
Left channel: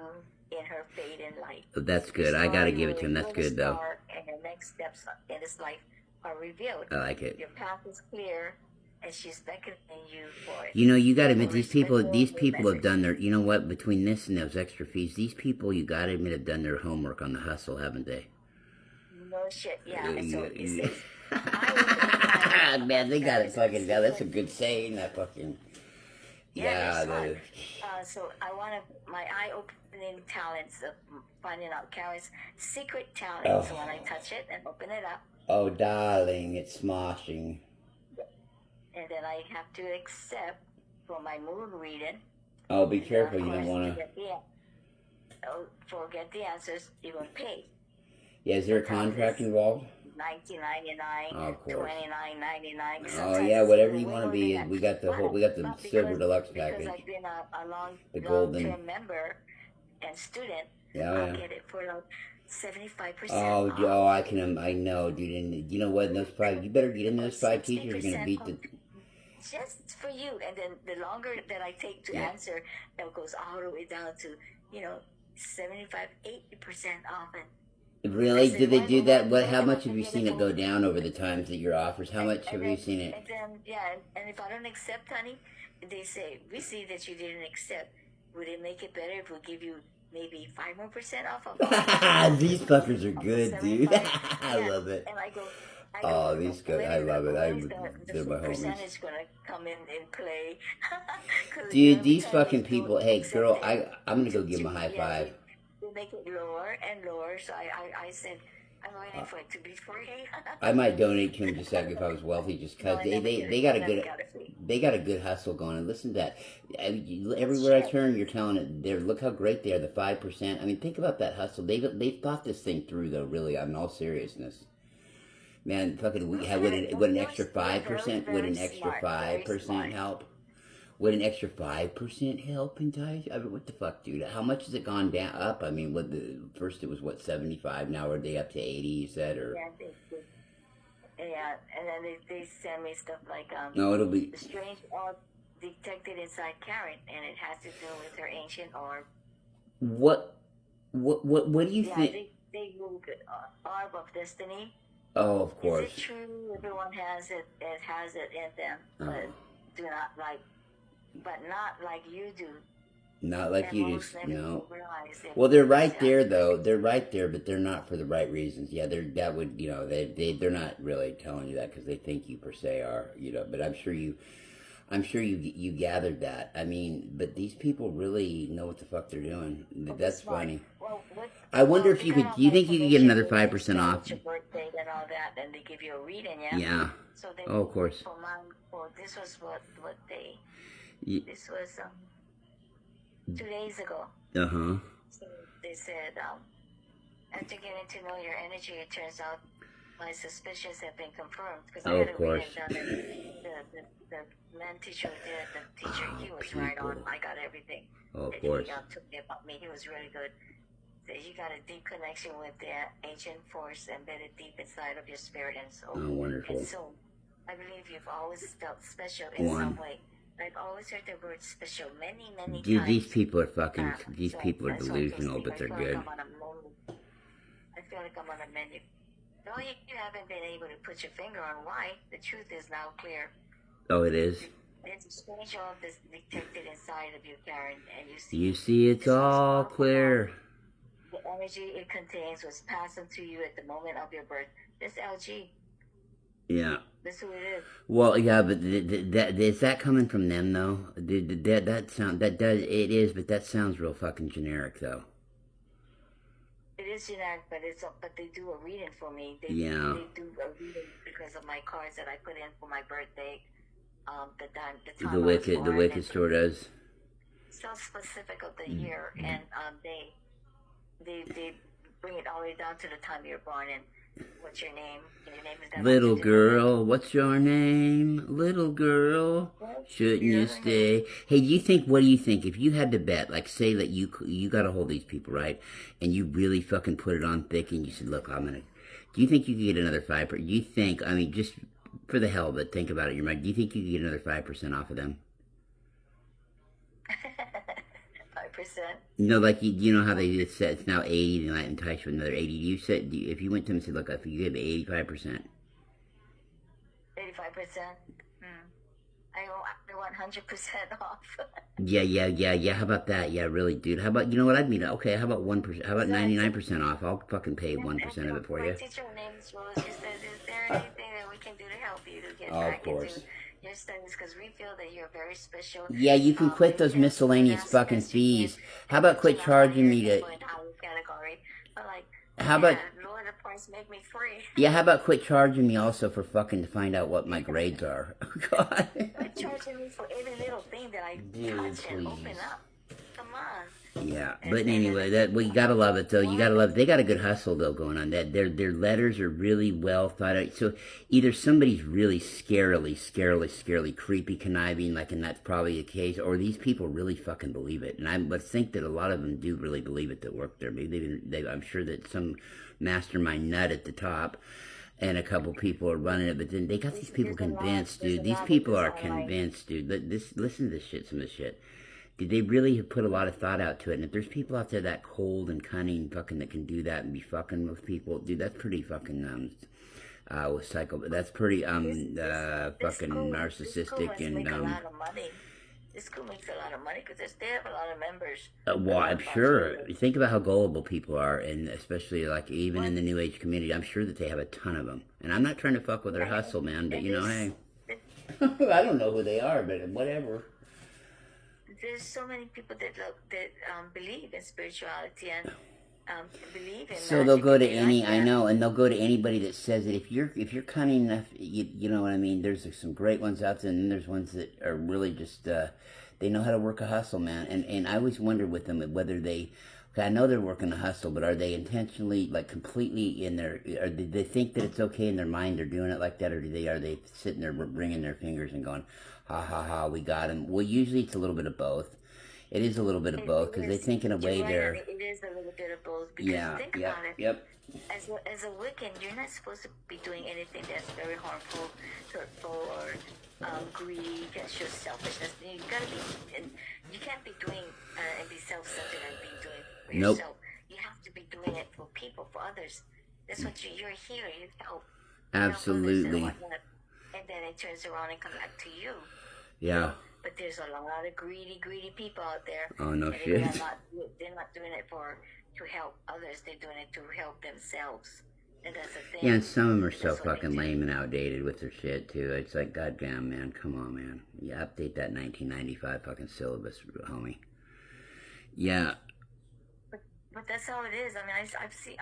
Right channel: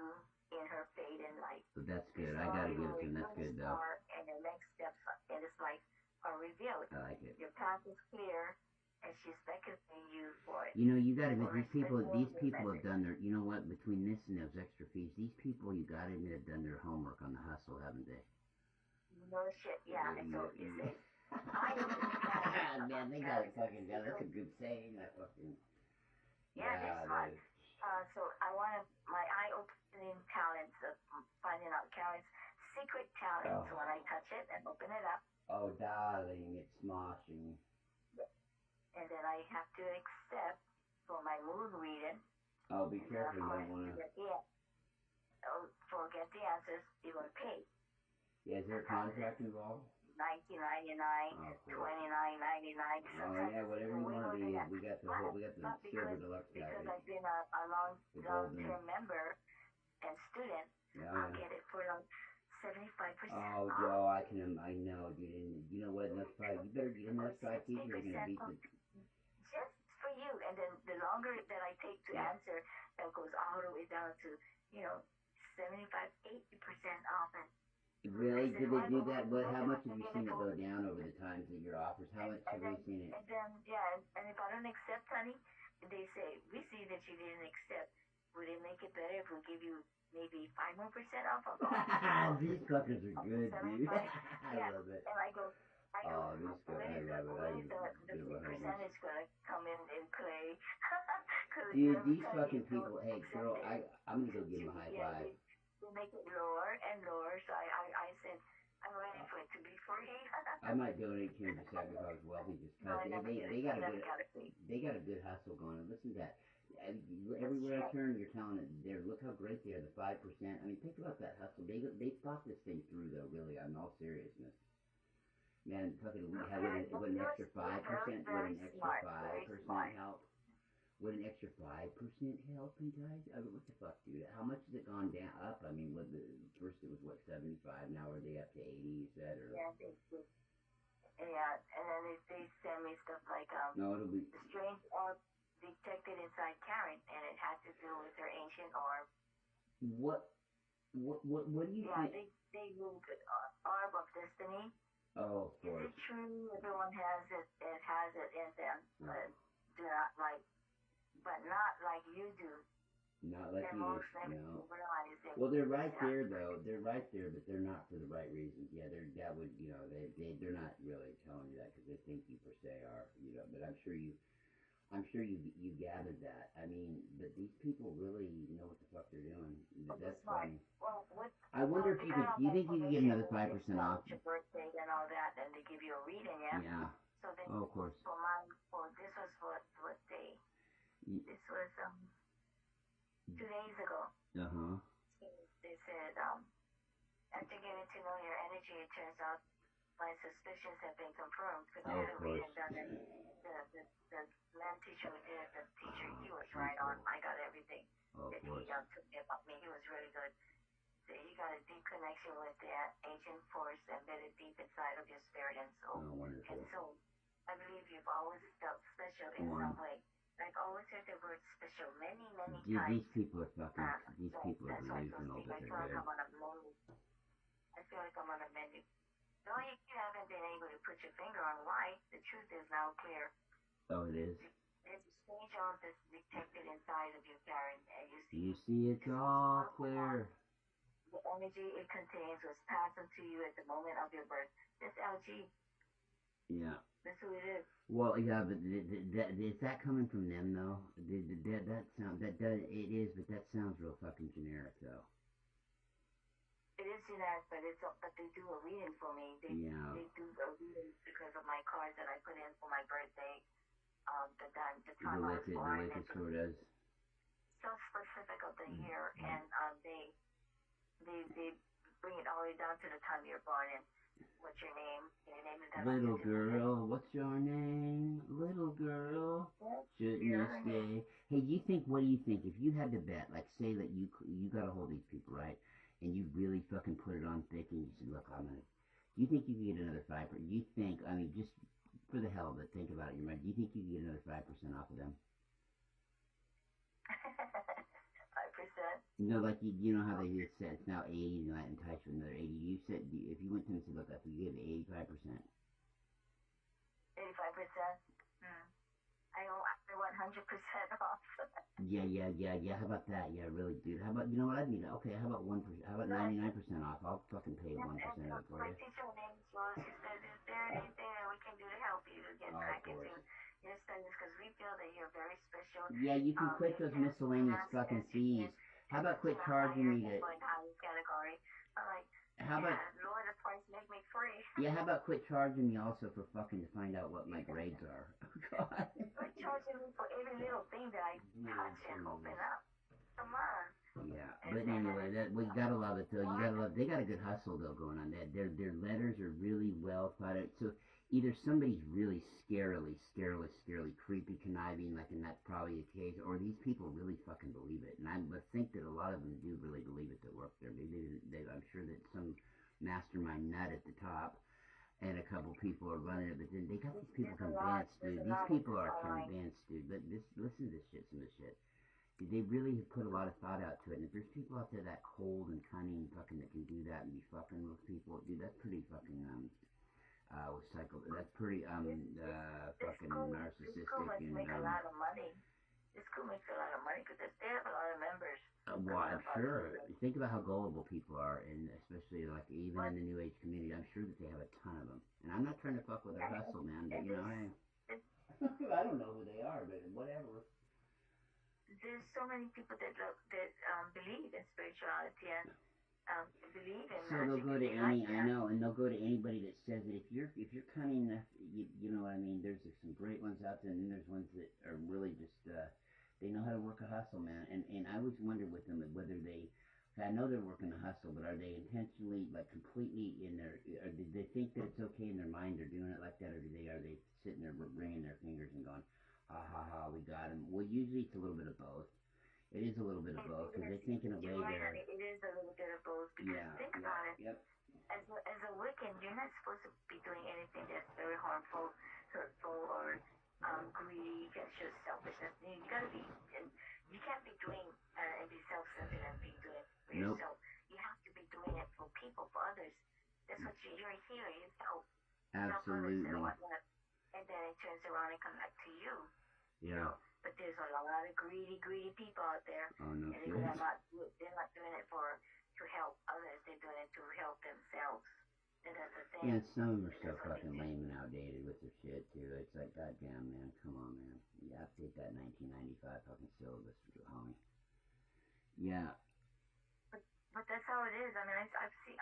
in her fate in life. That's good. I gotta give it to him. That's good, though. And your next steps in his life are revealed. I like it. Your path is clear, and she's beckoning you for it. You know, you gotta admit, these people have done their, you know what, between this and those extra fees, these people, you gotta admit, have done their homework on the hustle, haven't they? No shit, yeah. So it says, man, they got it fucking down. That's a good saying, that fucking... Yeah, so I want to, my eye-opening talents of finding out Karen's secret talent. So when I touch it and open it up. Oh, darling, it's smashing. And then I have to accept for my moon reading. Oh, be careful, you don't want to... Forget the answers, you're going to pay. Yeah, is there a contract involved? $19.99, $29.99. Oh yeah, whatever you want to be. We got the silver deluxe package. Because I've been a long-term member and student, I'll get it for like 75%. Oh, I know, dude. And you know what? Those five, you better get in those 5 teachers. Are gonna beat the. Just for you, and then the longer that I take to answer, it goes all the way down to 75, 80% off it. Really? Did they do that? What? How much have you seen it go down over the times that your offers? How much have you seen it? And then, and if I don't accept, honey, they say, we see that you didn't accept. Would it make it better if we give you maybe 5% more off of all? These fuckers are good, dude. I love it. And I go, these guys, I love it. They're my homies. Percentage gonna come in play. Dude, these fucking people. Hey, girl, I'm gonna go give them a high five. Make it lower and lower, so I said I'm waiting for it to be free. I might donate to them just like if I was wealthy, just because they got a good hustle going. And listen to that, everywhere I turn, you're telling it. There, look how great they are. The 5%. I mean, think about that hustle. They thought this thing through, though. Really, in all seriousness, man. Fucking, would an extra 5%? Would an extra 5% help? Would an extra 5% help entice? I mean, what the fuck, dude? How much has it gone down up? I mean, first it was 75. Now are they up to 80? You said, or and then they send me stuff like no, it'll be the strange orb detected inside Karen, and it has to do with her ancient orb. What do you think? They Googled orb of destiny. Oh, of course. Is it true? Everyone has it. It has it in them, but do not like. But not like you do. Not like you do. No. Well, they're right there, though. They're right there, but they're not for the right reasons. Yeah, they're not really telling you that because they think you per se are, But I'm sure you gathered that. I mean, but these people really know what the fuck they're doing. That's funny. Well, I wonder if you could. Do you think you could get another 5% off? Your birthday and all that, and they give you a reading, yeah. Yeah. So they, of course. This was what they. This was 2 days ago. So they said, after getting to know your energy, it turns out my suspicions have been confirmed. Because I had a reading done, and the man teacher who did it, the teacher, he was right on. I got everything. Of course. He told me about me. He was really good. So you got a deep connection with the ancient force embedded deep inside of your spirit and soul. Oh, wonderful. And so I believe you've always felt special in some way. I've always heard the word special many times. Dude, these people are fucking, people are delusional, but they're good. I feel like I'm on a menu. Though you haven't been able to put your finger on why, the truth is now clear. Oh, it is? It's a strange orb that's detected inside of you, Karen, and you see it's all clear. The energy it contains was passed into you at the moment of your birth. This LG. Yeah. That's who it is. Well, yeah, but is that coming from them though? It is, but that sounds real fucking generic though. It is generic, but they do a reading for me. They do a reading because of my cards that I put in for my birthday. The time the Wicked store does. So specific of the year, and they bring it all the way down to the time you're born and. What's your name? Your name is Little girl, what's your name? Little girl, shouldn't you stay? Hey, what do you think? If you had to bet, like say that you got a hold of these people, right? And you really fucking put it on thick and you said, look, do you think you could get another 5%? Do you think, I mean, just for the hell of it, think about it in your mind, do you think you could get another 5% off of them? 5%. No, like you know how they just said it's now 80 tonight and touch with another 80. You said if you went to them and said, look, if you give 85%. 85%. I want 100% off. Yeah. How about that? Yeah, really, dude. How about, you know what? I'd mean, okay, how about 1%? How about 99% off? I'll fucking pay 1% of it for you. My teacher, her name is Rose. She says, is there anything that we can do to help you to get back into your studies? Because we feel that you're very special. Yeah, you can quit those miscellaneous fucking fees. How about quit charging me to... Category. But like, how about... lower the price, make me free. Yeah, how about quit charging me also for fucking to find out what my grades are? God. Quit charging me for every little thing that I touch and open up. Come on. Yeah, but anyway, that you gotta love it though. You gotta love it. They got a good hustle though going on. That their letters are really well thought out. So either somebody's really scarily, creepy, conniving, like, and that's probably the case, or these people really fucking believe it. And I would think that a lot of them do really believe it that work there. Maybe I'm sure that some mastermind nut at the top and a couple people are running it, but then they got these people convinced, dude. These people are convinced, dude. Listen to this shit, some of this shit. Did they really have put a lot of thought out to it? And if there's people out there that cold and cunning fucking that can do that and be fucking with people, dude, that's pretty fucking with psycho. That's pretty fucking narcissistic and make a lot of money. This school makes a lot of money because they have a lot of members. Well, I'm sure. Think about how gullible people are, and especially like even in the New Age community, I'm sure that they have a ton of them. And I'm not trying to fuck with their hustle, man, but you know, hey, I don't know who they are, but whatever. There's so many people that believe in spirituality and believe in. So they'll go to any, I know, and they'll go to anybody that says that if you're cunning enough, you know what I mean. There's some great ones out there, and then there's ones that are really just they know how to work a hustle, man. And I always wonder with them whether they. I know they're working a hustle, but are they intentionally, like, completely in their, or do they think that it's okay in their mind they're doing it like that, or are they sitting there wringing their fingers and going, ha ha ha, we got him? Well, usually it's a little bit of both. It is a little bit of both, because they think in a way they're... It is a little bit of both, because think about it. Yep. As a Wiccan, you're not supposed to be doing anything that's very harmful, hurtful, or greedy, that shows selfishness. You gotta be, and you can't be doing and be self-centered and be doing for yourself. You have to be doing it for people, for others. That's what you're here. You help. Absolutely. Help others and then it turns around and comes back to you. Yeah. But there's a lot of greedy people out there. Oh, no and shit. They're not doing it to help others. They're doing it to help themselves. And that's the thing. Yeah, and some of them are so fucking lame and outdated with their shit, too. It's like, goddamn, man, come on, man. Yeah, update that 1995 fucking syllabus, homie. Yeah. But that's how it is. I mean, I see it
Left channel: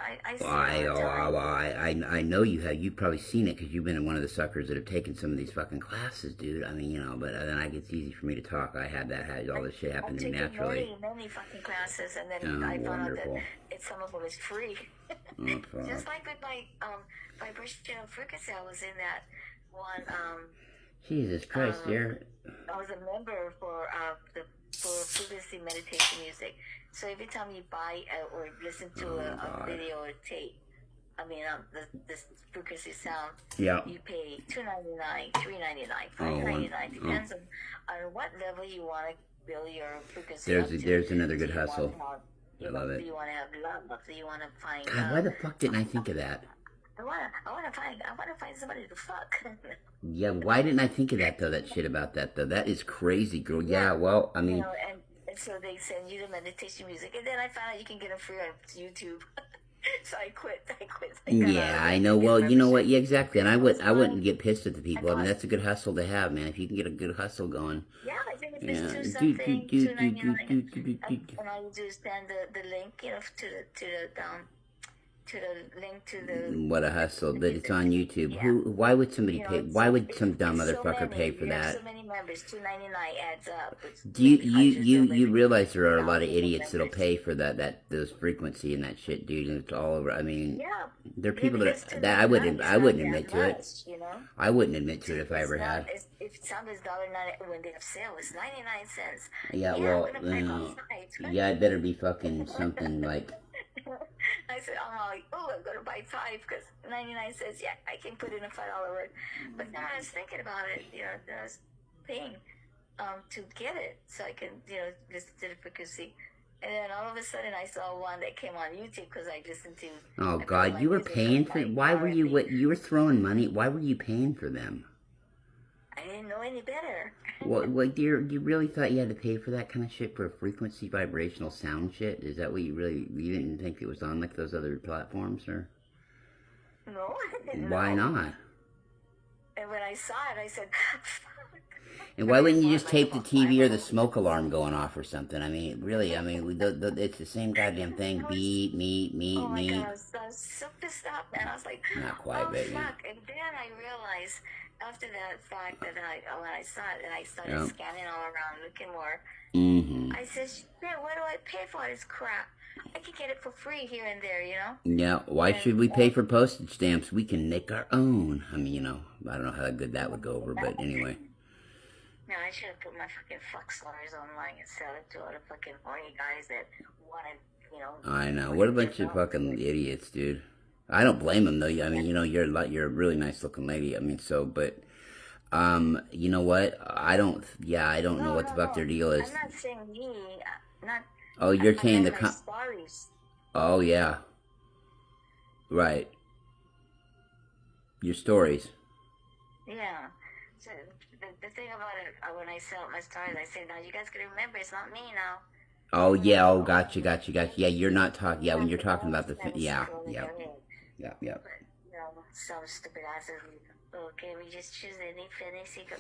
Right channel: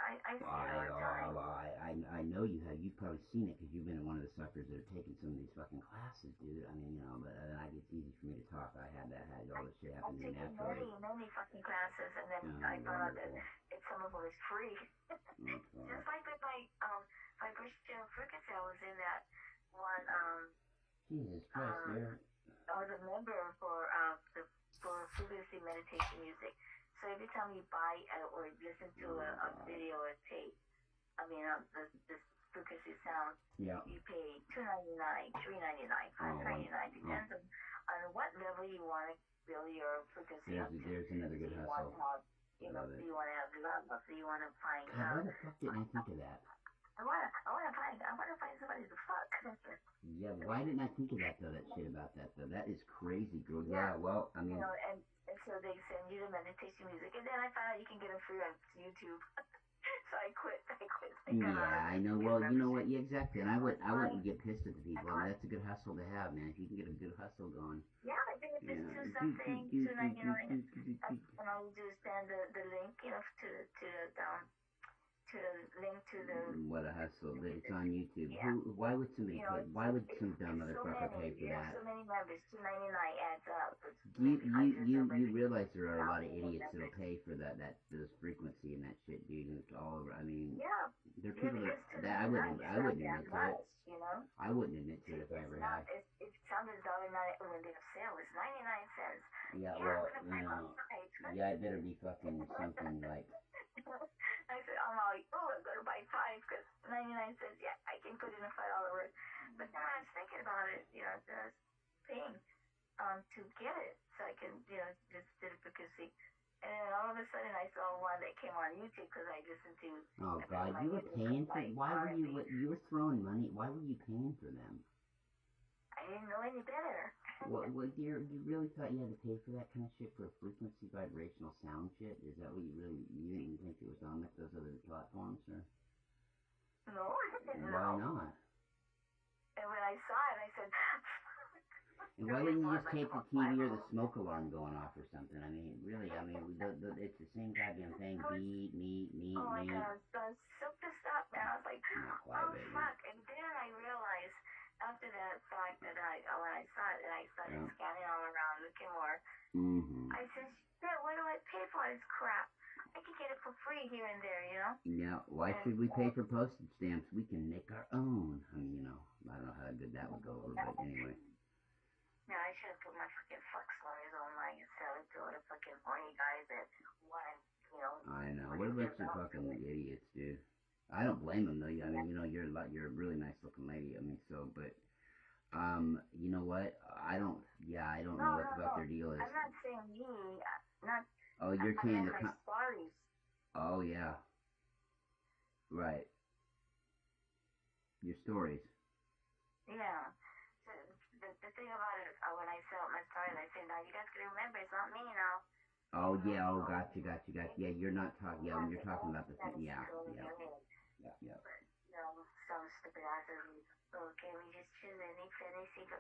all the time. I know you have. You've probably seen it because you've been one of the suckers that have taken some of these fucking classes, dude. I mean, you know, but then it's easy for me to talk. I had all this shit happen to me naturally. I've taken many fucking classes, and then I found out that some of them is free. Just like with my vibrational frequency, I was in that one. Jesus Christ, dear. I was a member for frequency meditation music. So every time you buy or listen to a video or tape, I mean, this frequency sound, you pay $2.99, $3.99, $5.99, depends on what level you want to build your frequency up to. There's another good hustle. I love it. Do you want to have love? Do you want to find? God, why the fuck didn't I think of that? I want to find somebody to fuck. Yeah, why didn't I think of that though? That shit about that though. That is crazy, girl. Yeah, well, I mean. You know, and so they send you the meditation music, and then I found out you can get them free on YouTube. So I quit. Yeah, I know. Well, you know what? Yeah, exactly. And I wouldn't get pissed at the people. I mean, that's a good hustle to have, man. If you can get a good hustle going. Yeah, I think if it's $2 something, $2.99, and all you do is send the link, you know, to the link to the. What a hustle! But it's on YouTube. Yeah. Why would somebody pay? Why would some dumb motherfucker pay for that? So many members, $2.99 adds up. Do you realize there are a lot of idiots that'll pay for those frequency and that shit, dude? And it's all over. I mean, there are people that I wouldn't admit to it. You know? I wouldn't admit to it if I ever had. If something's $1.99 when they have sale, it's 99 cents. Yeah, well, yeah, it better be fucking something like. I said, I'm going to buy 5 because 99 cents. Yeah, I can put in a $5 word. But then I was thinking about it, you know, I was paying to get it so I can, you know, listen to the frequency And then all of a sudden, I saw one that came on YouTube because I listened to. Oh I put God, my you were music paying on, for. like, Why were you? R&B. What you were throwing money? Why were you paying for them? I didn't know any better. What you really thought you had to pay for that kind of shit for frequency vibrational sound shit? Is that what you didn't think it was on like those other platforms, or? No, I didn't Why know. not? And when I saw it, I said, And why wouldn't you bought, just like, tape the about TV or the 5 of them. smoke alarm going off or something? I mean, really, I mean, it's the same goddamn thing. Beat, meat. Oh my God, I was so pissed off, man. I was like, Not quite, oh but yeah. fuck. And then I realized after that fact that when I saw it and I started Yep. scanning all around looking more, I said, shit, why do I pay for all this crap? I can get it for free here and there, you know? Yeah, why should we pay for postage stamps? We can make our own. I mean, I don't know how good that would go over, but anyway. No, I should have put my fucking fuck slurs online and sell it to all the fucking horny guys that wanted, I know. What a bunch of fucking idiots, dude. I don't blame them though. I mean, you're a really nice looking lady. I mean, but you know what? I don't know what the fuck their deal is. I'm not saying me. Not. Oh, you're saying my stories. Oh yeah. Right. Your stories. Yeah. So the thing about it, when I sell my stories, I say, now you guys gotta remember, it's not me now. Oh yeah. Oh, gotcha. Yeah, you're not talking. Yeah, when you're talking about the yeah. But, some stupid asses. Okay, we just choose any sequel.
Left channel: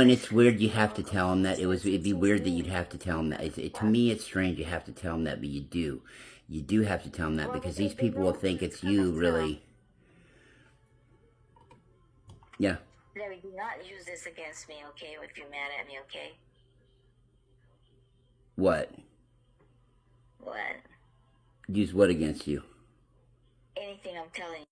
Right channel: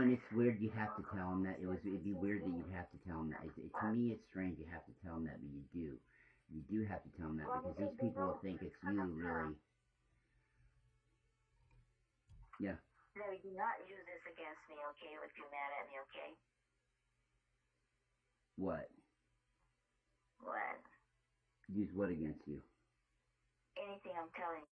And it's weird. You have to tell them that it'd be weird that you'd have to tell them that. To me, it's strange. You have to tell them that, but you do. You do have to tell them that because these people will think it's you, really. Yeah. Larry, do not use this against me, okay? If you're mad at me, okay? What? What? Use what against you? Anything I'm telling you.